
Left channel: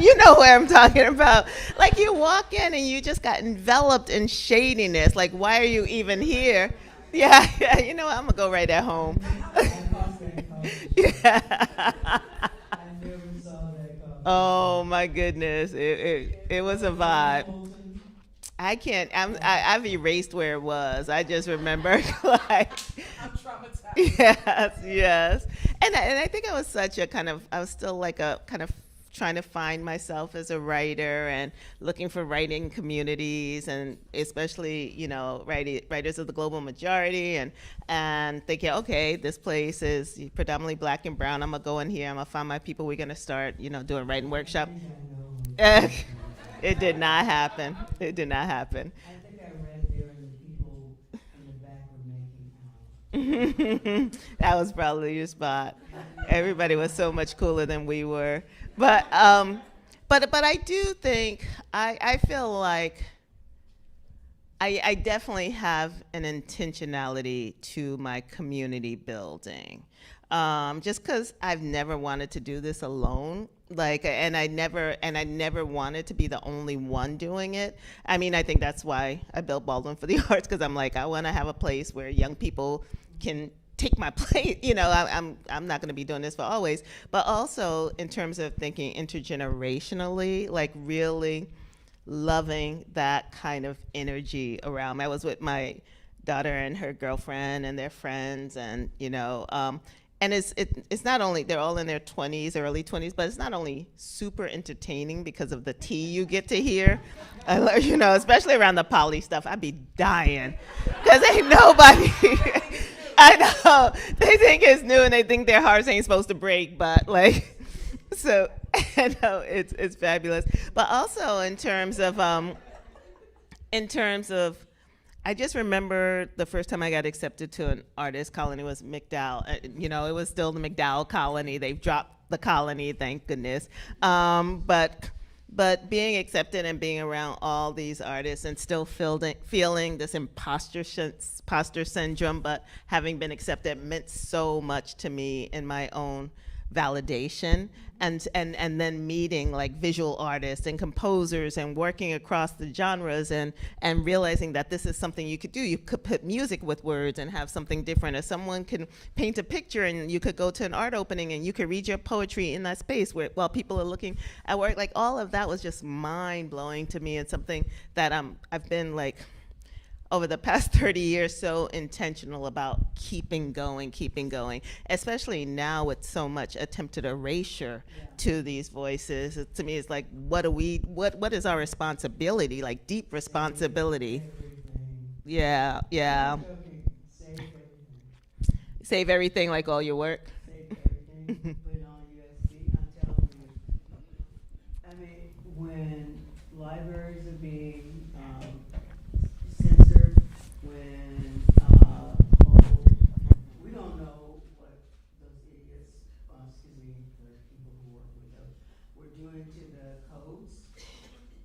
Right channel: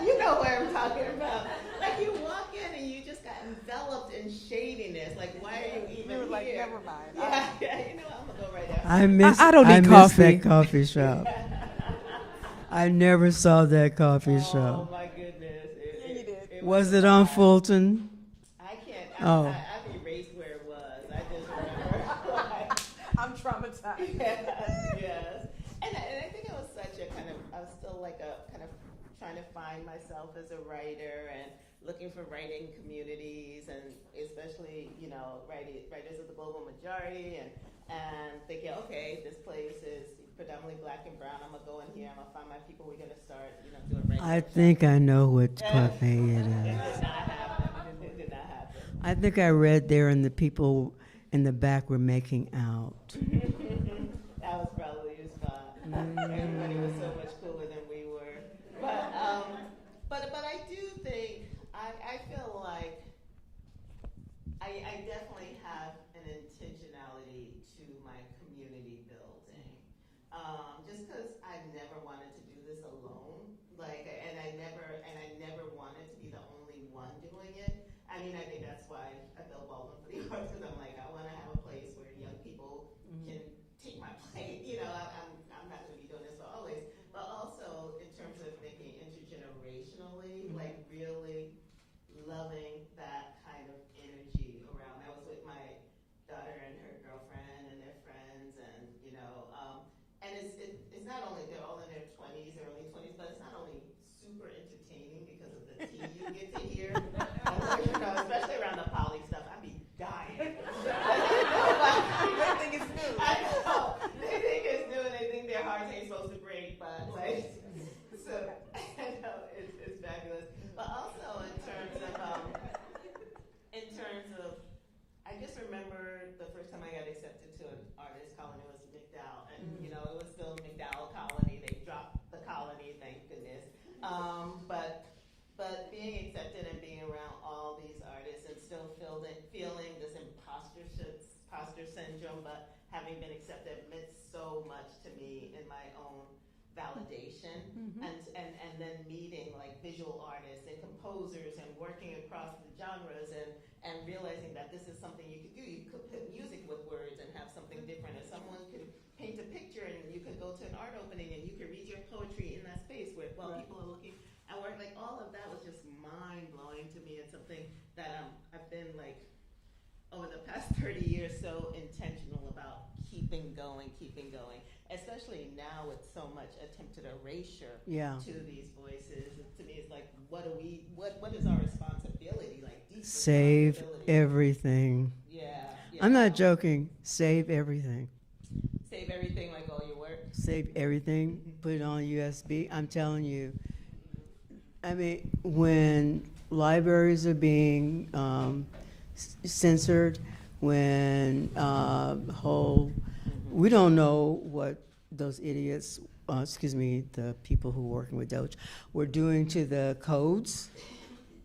You know where I'm talking about. Like, you walk in and you just got enveloped in shadiness. Like, why are you even here? Yeah, you know what? I'm gonna go right at home. I miss that coffee shop. I never saw that coffee shop. Oh my goodness, it was a it vibe. on Fulton? I can't. Oh. I've erased where it was. I just remember like. I'm traumatized. Yes. And I think I was such a kind of. I was still like a kind of trying to find myself as a writer and looking for writing communities, and especially writers of the global majority, and thinking, okay, this place is predominantly Black and brown. I'm gonna go in here. I'm gonna find my people. We're gonna start doing writing workshops. I think I know what cafe it is. It did not happen. It did not happen. I think I read there, and the people in the back were making out. That was probably your spot. Everybody was so much cooler than we were. But I do think I feel like I definitely have an intentionality to my community building. Just because I've never wanted to do this alone, and I never wanted to be the only one doing it. I mean, I think that's why I built Baldwin for the Arts, because I'm like, I want to have a place where young people can take my place. I'm not going to be doing this for always, but also in terms of thinking intergenerationally, like really loving that kind of energy around. I was with my daughter and her girlfriend and their friends, and and it's not only, they're all in their 20s, early 20s, but it's not only super entertaining because of the tea you get to hear. I love, especially around the poly stuff, I'd be dying because ain't nobody. I know they think it's new and they think their hearts ain't supposed to break, but so I know it's fabulous. But also in terms of I just remember the first time I got accepted to an artist colony was McDowell. It was still the McDowell colony. They've dropped the colony, thank goodness. But being accepted and being around all these artists and still feeling this imposter syndrome, but having been accepted meant so much to me in my own validation, and then meeting like visual artists and composers and working across the genres and realizing that this is something you could do. You could put music with words and have something different, or someone can paint a picture and you could go to an art opening and you could read your poetry in that space while people are looking at work. Like all of that was just mind-blowing to me, and something that I've been like over the past 30 years so intentional about keeping going, especially now with so much attempted erasure to these voices. To me, it's like, what is our responsibility, like deep responsibility? Save everything. Yeah. I'm not joking. Save everything. Save everything, like all your work? Save everything. Put it on USB. I'm telling you. I mean, when libraries are being censored, when we don't know what those idiots, the people who are working with Doge, were doing to the codes,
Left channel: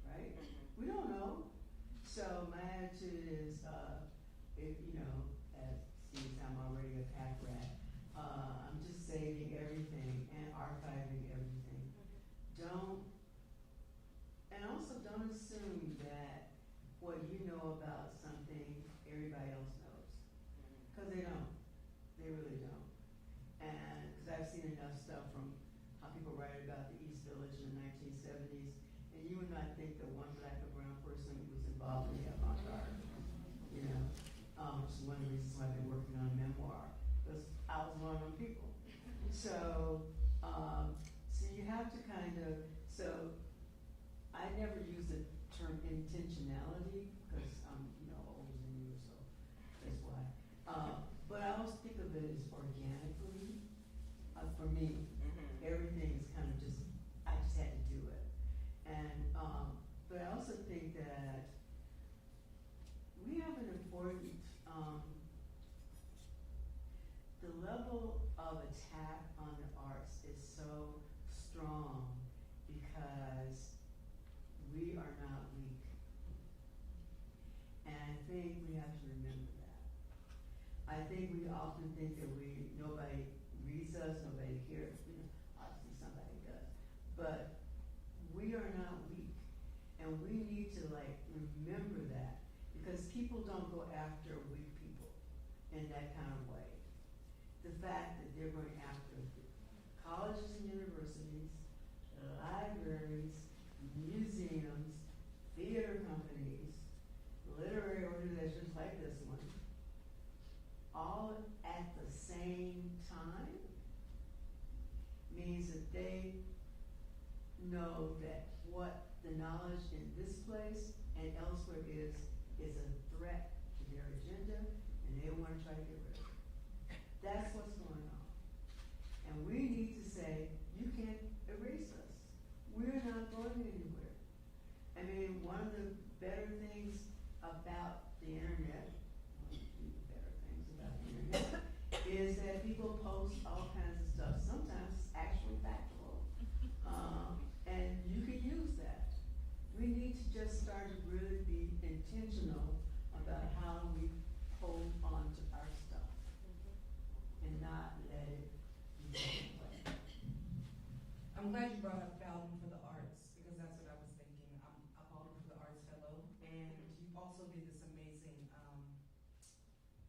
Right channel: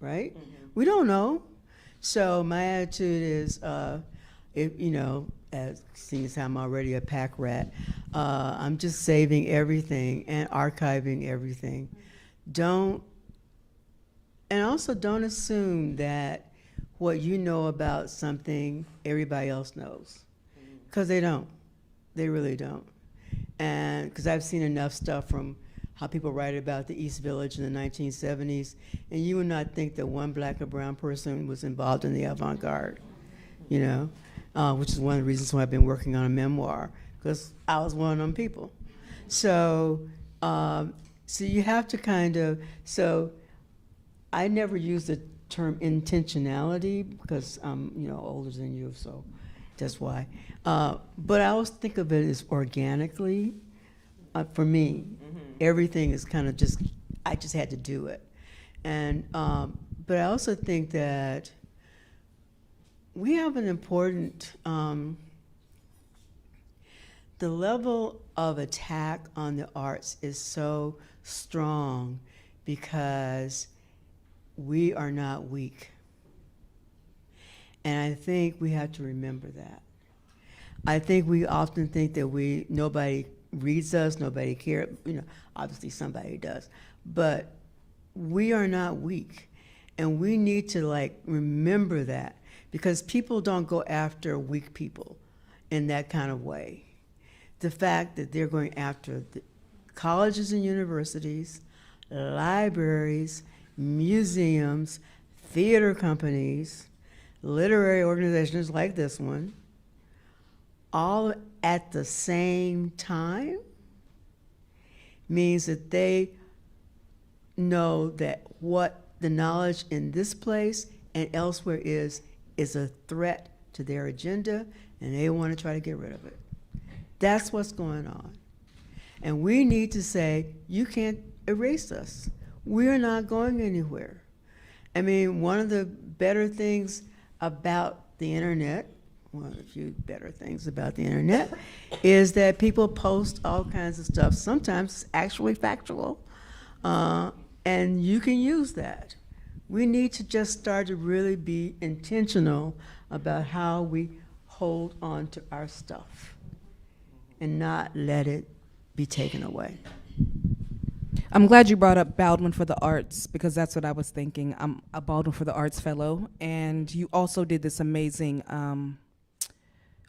right? We don't know. So my attitude is, as seeing as I'm already a pack rat, I'm just saving everything and archiving everything. Don't assume that what you know about something everybody else knows, because they don't. They really don't. And because I've seen enough stuff from how people write about the East Village in the 1970s, and you would not think that one Black or brown person was involved in the avant-garde, which is one of the reasons why I've been working on a memoir, because I was one of them people. So you have to so I never used the term intentionality because I'm older than you, so that's why. But I always think of it as organically. For me, everything is kind of I just had to do it. And but I also think that we have an important the level of attack on the arts is so strong because we are not weak. And I think we have to remember that. I think we often think that nobody reads us, nobody cares, obviously somebody does, but we are not weak. And we need to remember that, because people don't go after weak people in that kind of way. The fact that they're going after the colleges and universities, libraries, museums, theater companies, literary organizations like this one, all at the same time, means that they know that what the knowledge in this place and elsewhere is a threat to their agenda, and they want to try to get rid of it. That's what's going on. And we need to say, you can't erase us. We're not going anywhere. I mean, one of the better things about the internet, one of the few better things about the internet, is that people post all kinds of stuff, sometimes actually factual, and you can use that. We need to just start to really be intentional about how we hold on to our stuff and not let it be taken away. I'm glad you brought up Baldwin for the Arts, because that's what I was thinking. I'm a Baldwin for the Arts fellow, and you also did this amazing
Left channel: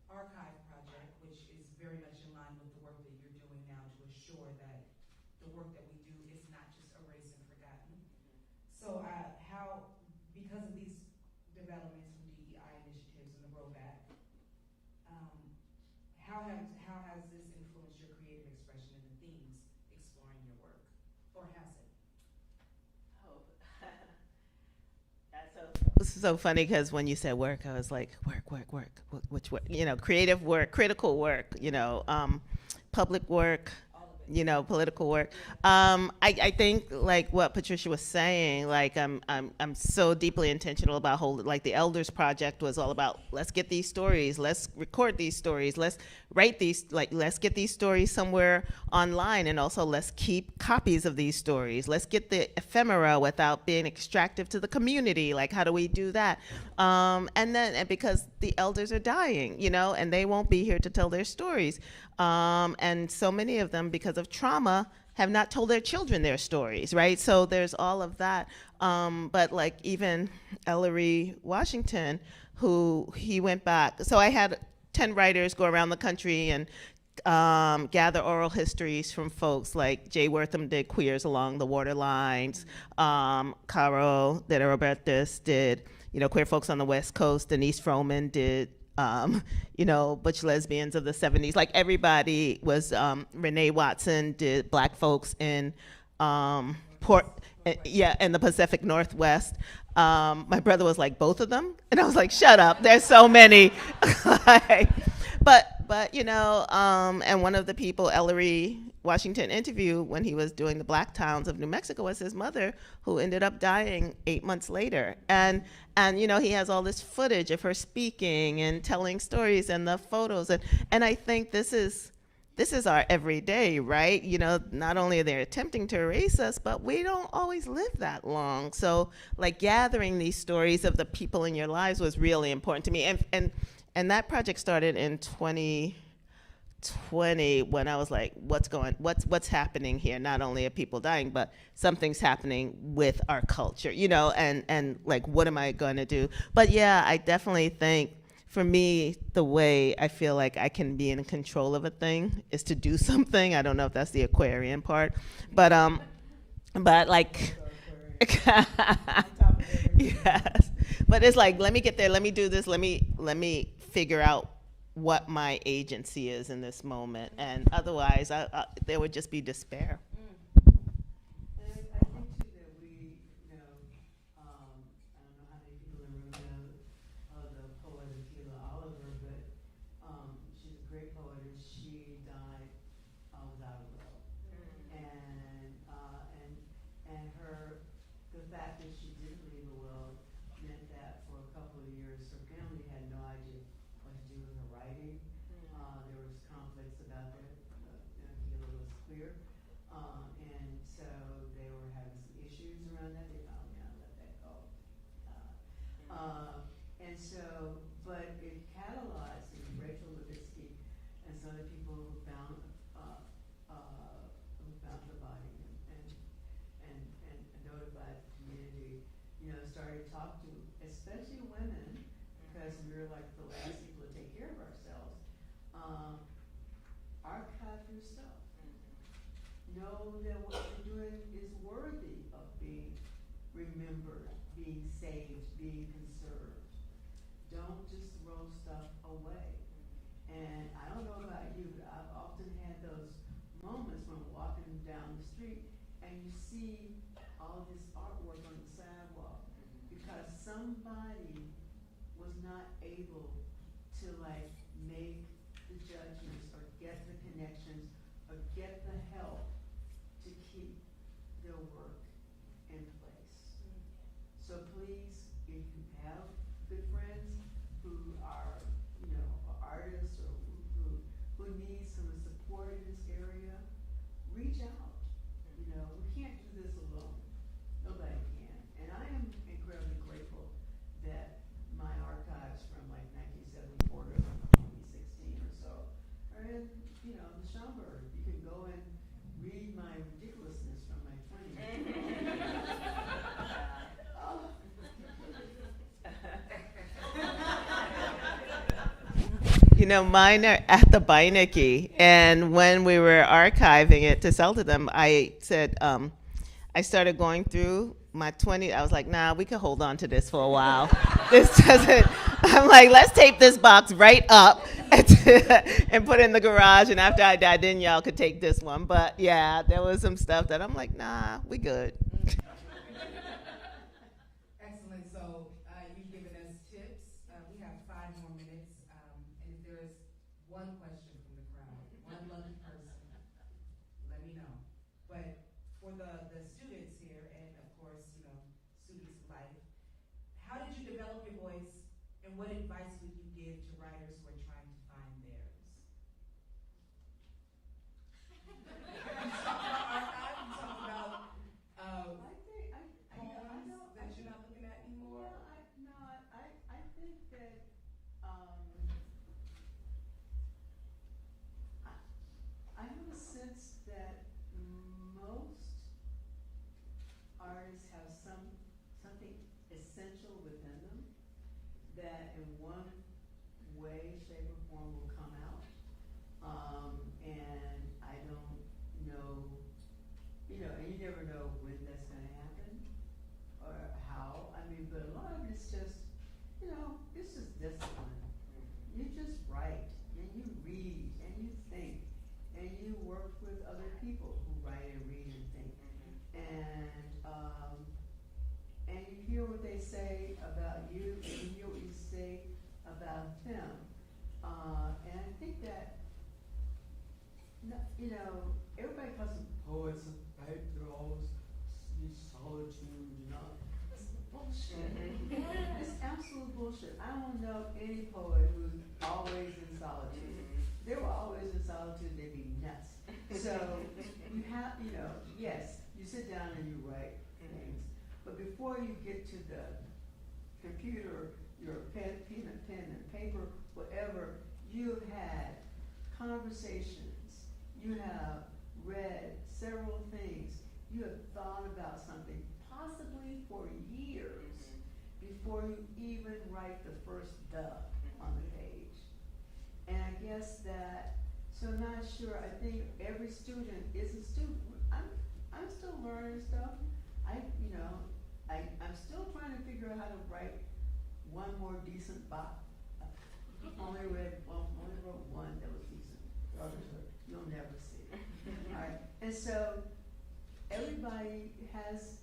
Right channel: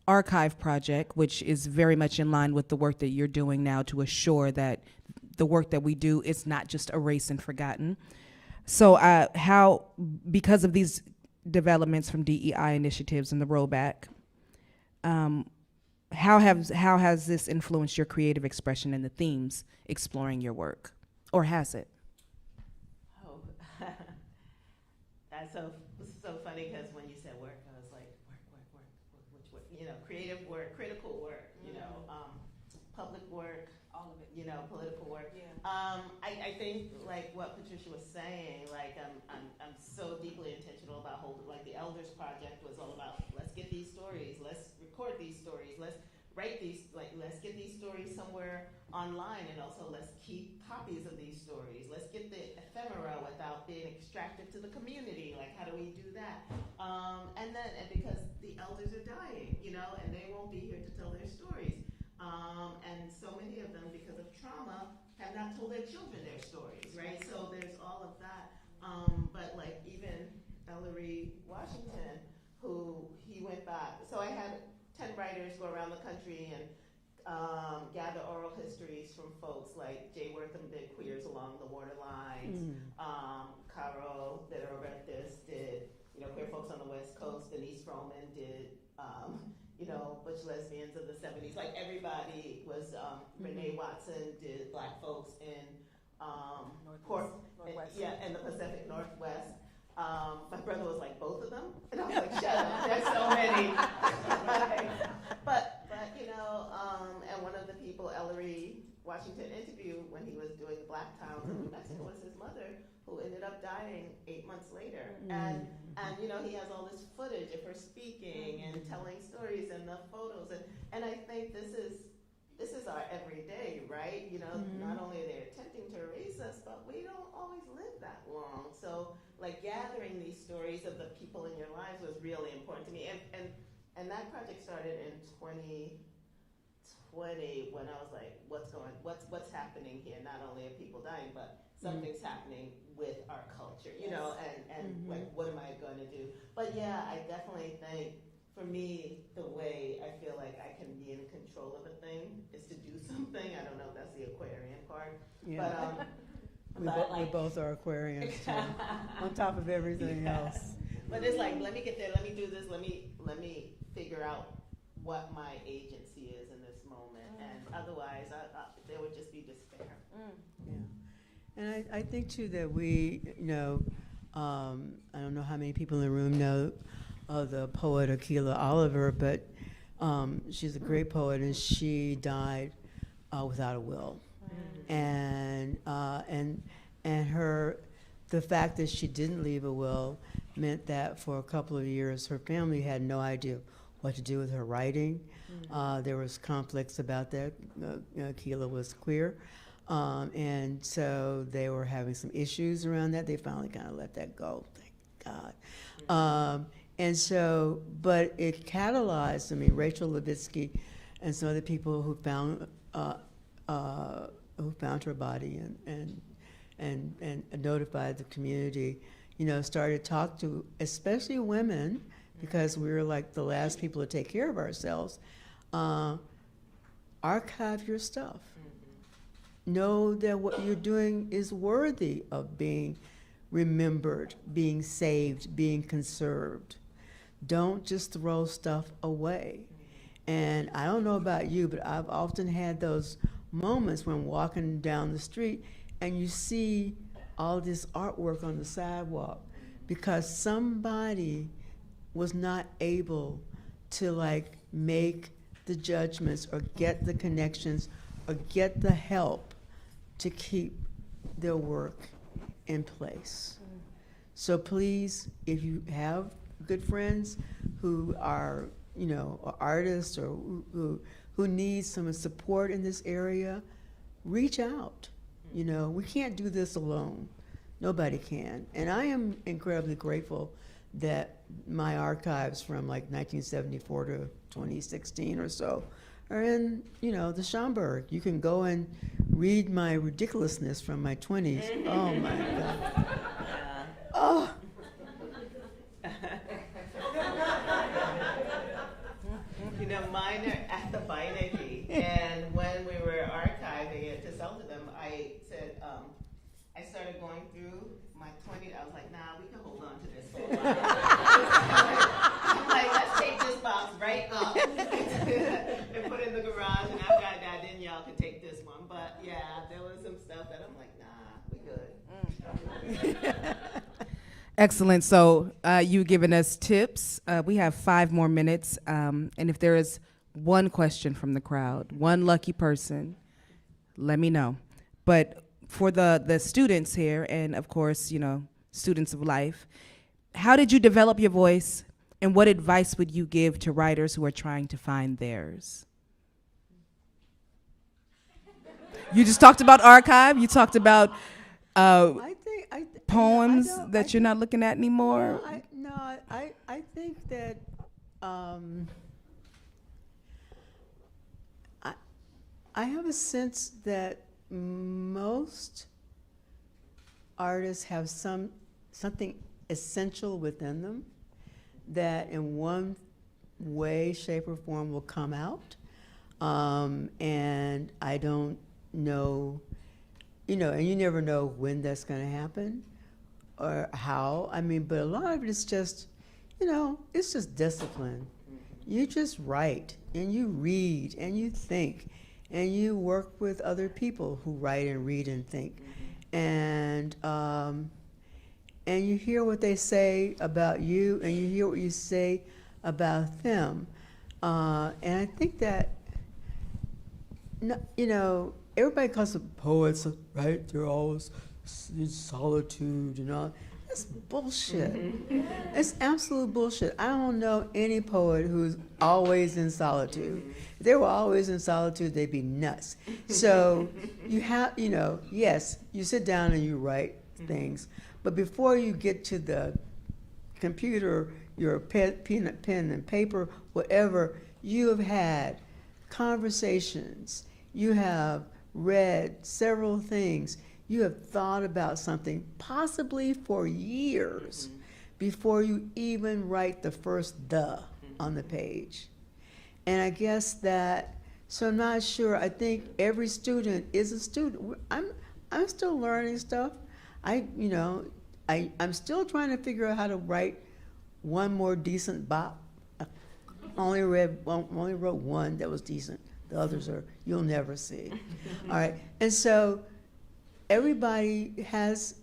archive project, which is very much in line with the work that you're doing now to assure that the work that we do is not just erased and forgotten. So how, because of these developments from DEI initiatives and the rollback, how has this influenced your creative expression and the themes exploring your work? Or has it? Oh, that's so funny, because when you said work, I was like, work. Which work? You know, creative work, critical work, you know, public work, you know, political work. I think, like what Patricia was saying, like I'm so deeply intentional about holding, like the Elders Project was all about, let's get these stories, let's record these stories, let's write these, like let's get these stories somewhere online, and also let's keep copies of these stories. Let's get the ephemera without being extractive to the community. Like, how do we do that? And because the elders are dying, you know, and they won't be here to tell their stories. And so many of them, because of trauma, have not told their children their stories, right? So there's all of that. But like even Ellery Washington, who he went back. So I had 10 writers go around the country and gather oral histories from folks like Jay Wortham did Queers Along the Waterlines, Caro de Robertis did, you know, Queer Folks on the West Coast, Denise Froman did, you know, Butch Lesbians of the 70s. Like everybody was, Renee Watson did Black Folks in in the Pacific Northwest. My brother was like, both of them? And I was like, shut up, there's so many. But you know, and one of the people Ellery Washington interviewed when he was doing the Black Towns of New Mexico was his mother, who ended up dying 8 months later. And you know, he has all this footage of her speaking and telling stories and the photos. And I think this is our everyday, right? You know, not only are they attempting to erase us, but we don't always live that long. So like gathering these stories of the people in your lives was really important to me. And that project started in 2020 when I was like, what's happening here? Not only are people dying, but something's happening with our culture, you know, and like, what am I gonna do? But yeah, I definitely think, for me, the way I feel like I can be in control of a thing is to do something. I don't know if that's the Aquarian part, yeah. But like, both are Aquarian. On top of everything else. But it's like, let me get there, let me do this, let me figure out what my agency is in this moment, and otherwise there would just be despair. And I think too that we, you know, I don't know how many people in the room know of the poet Akilah Oliver, but she's a great poet, and she died without a will. And the fact that she didn't leave a will meant that for a couple of years her family had no idea what to do with her writing. There was conflicts about that. Akilah was queer, and so they were having some issues around that. They finally kind of let that go, thank God. And so, but it catalyzed, I mean, Rachel Levitsky and some other people who found her body and notified the community, you know, started to talk to especially women, because we were like the last people to take care of ourselves. Archive your stuff. Know that what you're doing is worthy of being remembered, being saved, being conserved. Don't just throw stuff away. And I don't know about you, but I've often had those moments when walking down the street and you see all this artwork on the sidewalk because somebody was not able to like make the judgments or get the connections or get the help to keep their work in place. So please, if you have good friends who are, you know, artists or who need some support in this area, reach out. You know, we can't do this alone. Nobody can. And I am incredibly grateful that my archives from like 1974 to 2016 or so are in, you know, the Schomburg. You can go and read my ridiculousness from my 20s. Oh my God. Oh. You know, mine are at the Beinecke, and when we were archiving it to sell to them, I said, I started going through my 20s. I was like, nah, we could hold on to this for a while. This doesn't, I'm like, let's tape this box right up and put it in the garage, and after I die, then y'all could take this one. But yeah, there was some stuff that I'm like, nah, we good. Excellent. So you've given us tips. We have 5 more minutes. And if there is one question from the crowd, one lucky person, let me know. But for the students here, and of course, you know, students of life, how did you develop your voice, and what advice would you give to writers who are trying to find theirs? You just talked about archive. You talked about poems that you're not looking at anymore. I think that I have a sense that most artists have something essential within them that in one way, shape, or form will come out. And I don't know, you know, and you never know when that's going to happen or how. I mean, but a lot of it is just, you know, it's just discipline. You just write and you read and you think and you work with other people who write and read and think. And you hear what they say about you and you hear what you say about them. And I think that, you know, everybody calls them poets, right? They're always in solitude and all. That's bullshit. It's absolute bullshit. I don't know any poet who's always in solitude. If they were always in solitude, they'd be nuts. So you have, you know, yes, you sit down and you write things, but before you get to the computer, your pen and paper, whatever, you have had conversations, you have read several things, you have thought about something possibly for years before you even write the first "the" on the page. And I guess that, so I'm not sure, I think every student is a student. I'm still learning stuff. I'm still trying to figure out how to write one more decent bop. I only wrote one that was decent. The others are, you'll never see. All right, and so everybody has,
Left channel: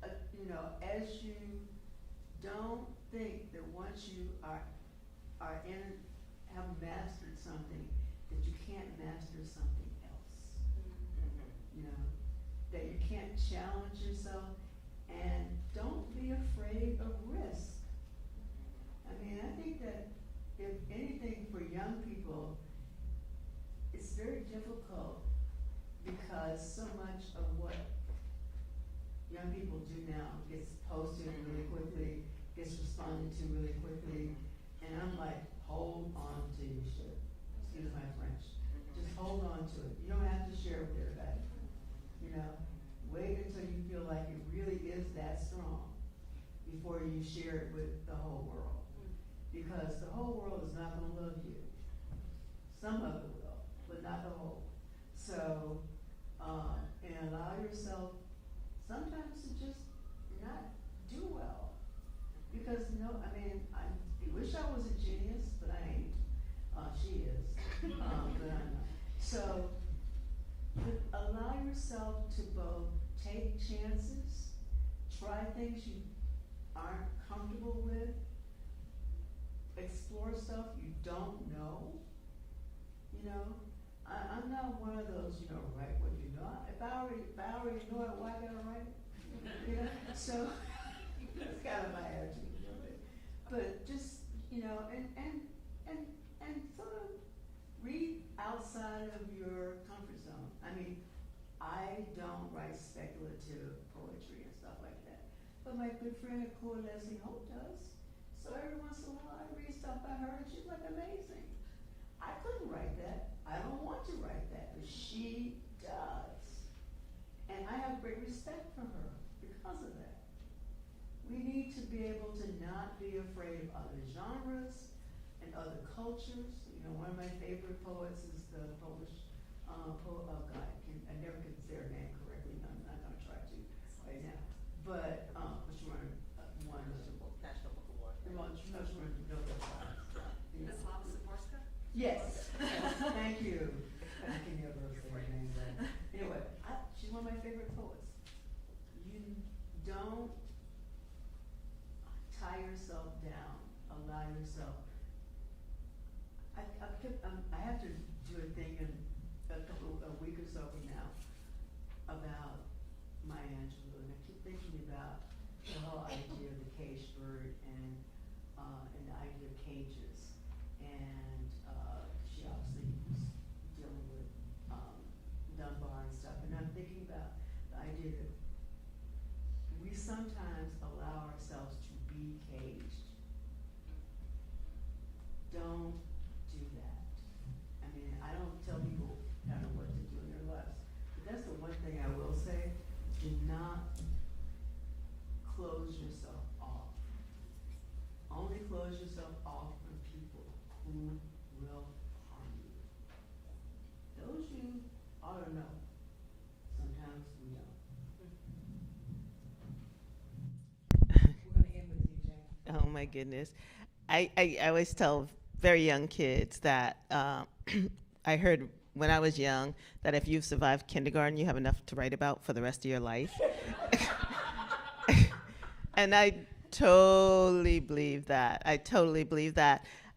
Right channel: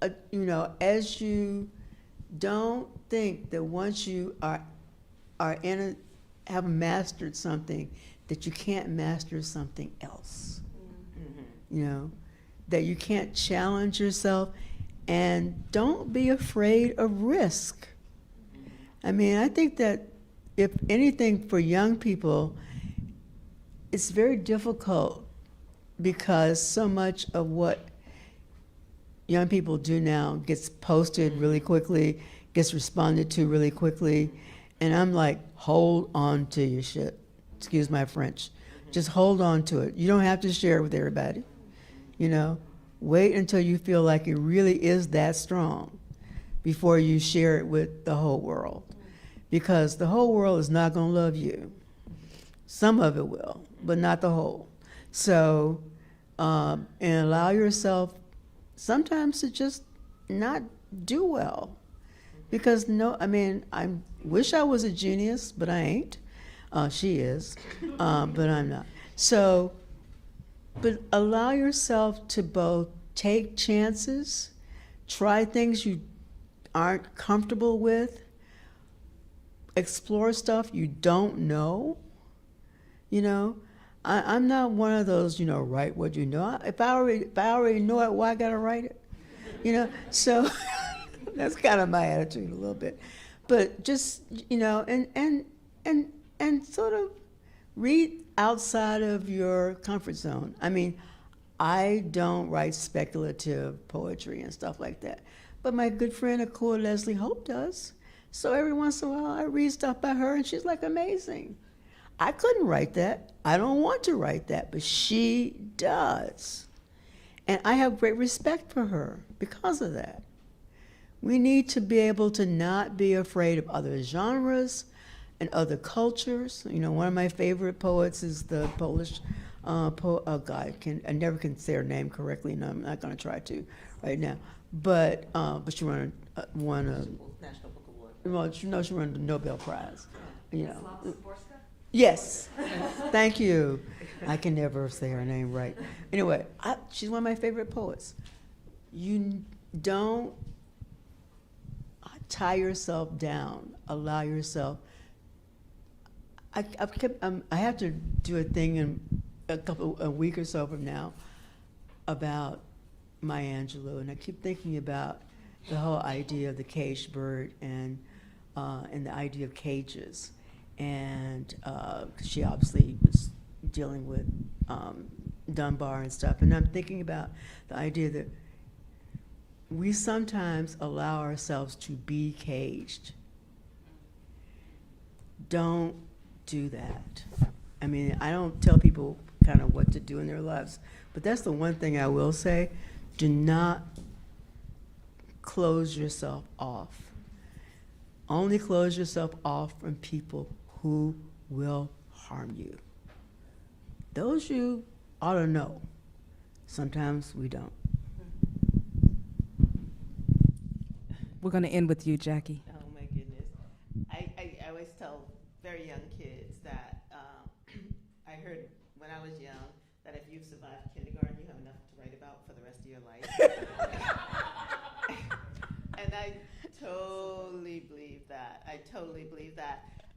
as you don't think that once you have mastered something, that you can't master something else. You know, that you can't challenge yourself, and don't be afraid of risk. I mean, I think that if anything for young people, it's very difficult because so much of what young people do now gets posted really quickly, gets responded to really quickly, and I'm like, hold on to your shit. Excuse my French. Just hold on to it. You don't have to share it with everybody. You know, wait until you feel like it really is that strong before you share it with the whole world. Because the whole world is not gonna love you. Some of it will, but not the whole. So, and allow yourself sometimes to just not do well. Because no, I mean, I wish I was a genius, but I ain't. She is, but I'm not. So, but allow yourself to both take chances, try things you aren't comfortable with, explore stuff you don't know. You know, I'm not one of those, write what you know. If I already know it, why I gotta write it? So that's kind of my attitude a little bit. But just, and sort of read outside of your comfort zone. I mean, I don't write speculative poetry and stuff like that. But my good friend Akua Leslie Hope does. So every once in a while I read stuff by her and she's like amazing. I couldn't write that. I don't want to write that, but she does. And I have great respect for her because of that. We need to be able to not be afraid of other genres and other cultures. One of my favorite poets is the Polish guy. I never can say her name correctly, and I'm not going to try to right now. But she won a National Book Award. Well, she won the Nobel Prize. Yes. Thank you. I can never say her name right. Anyway, she's one of my favorite poets. You don't tie yourself down. Allow yourself. I have to do a thing in a week or so from now about Maya Angelou, and I keep thinking about the whole idea of the caged bird and the idea of cages, and she obviously was dealing with Dunbar and stuff, and I'm thinking about the idea that we sometimes allow ourselves to be caged. Don't do that. I mean, I don't tell people kind of what to do in their lives, but that's the one thing I will say. Do not close yourself off. Only close yourself off from people who will harm you. Those you ought to know. Sometimes we don't. We're going to end with you, Jackie. Oh my goodness. I always tell very young kids that I heard when I was young that if you've survived kindergarten, you have enough to write about for the rest of your life. And I totally believe that.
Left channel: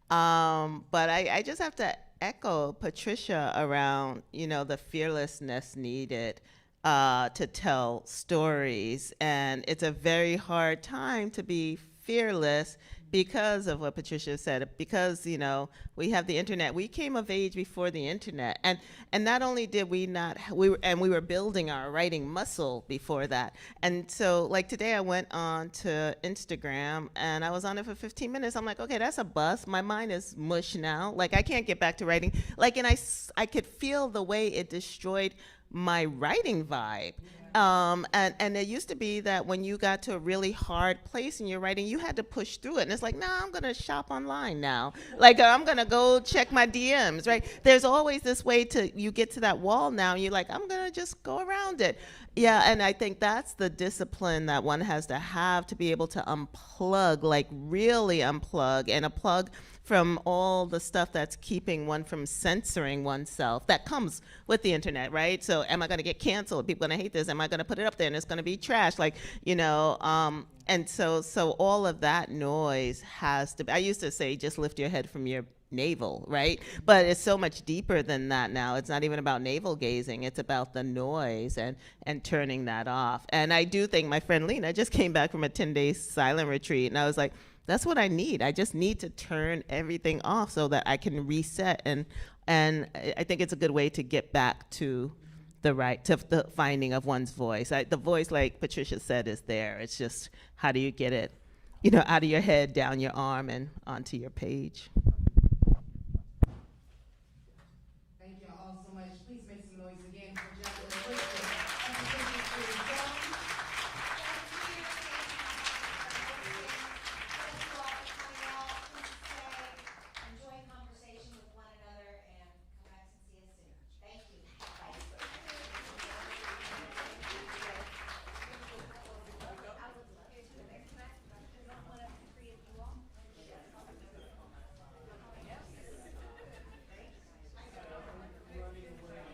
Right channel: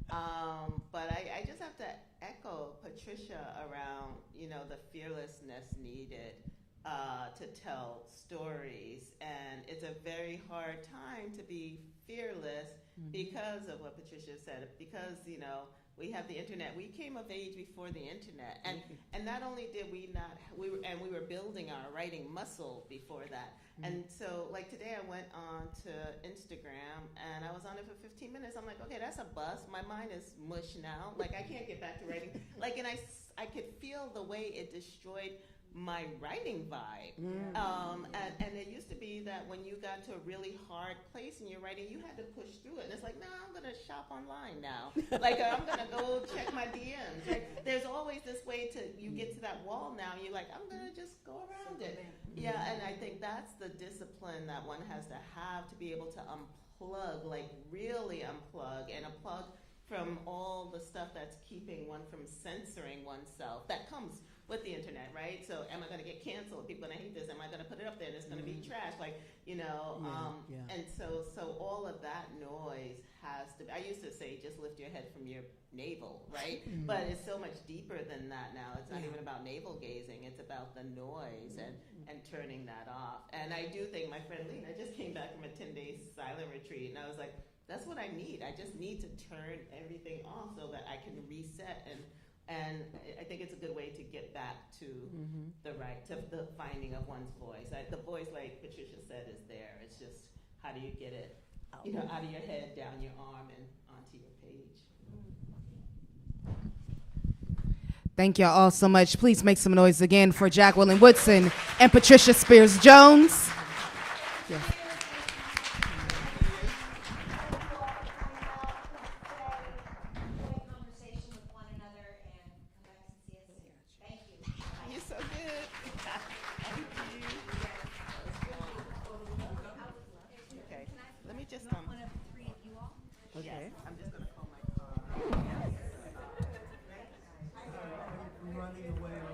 But I just have to echo Patricia around, the fearlessness needed to tell stories. And it's a very hard time to be fearless because of what Patricia said, because, we have the internet. We came of age before the internet. And not only did we not, we were building our writing muscle before that. And so like today I went on to Instagram and I was on it for 15 minutes. I'm like, okay, that's a bust. My mind is mush now. Like I can't get back to writing. Like, and I could feel the way it destroyed my writing vibe. And it used to be that when you got to a really hard place in your writing, you had to push through it. And it's like, nah, I'm gonna shop online now. Like I'm gonna go check my DMs, right? There's always this way you get to that wall now, and you're like, I'm gonna just go around it. Yeah, and I think that's the discipline that one has to have to be able to unplug, like really unplug and unplug from all the stuff that's keeping one from censoring oneself. That comes with the internet, right? So am I gonna get canceled? People gonna hate this? Am I gonna put it up there and it's gonna be trash? Like, and so all of that noise has to be, I used to say, just lift your head from your navel, right? But it's so much deeper than that now. It's not even about navel gazing. It's about the noise and turning that off. And I do think my friend Lena just came back from a 10-day silent retreat, and I was like, that's what I need. I just need to turn everything off so that I can reset. And I think it's a good way to get back to the finding of one's voice. The voice, like Patricia said, is there. It's just, how do you get it, out of your head, down your arm, and onto your page. Thank y'all all so much. Please make some noise again for Jacqueline Woodson and Patricia Spears Jones. Yeah. Let me just running away.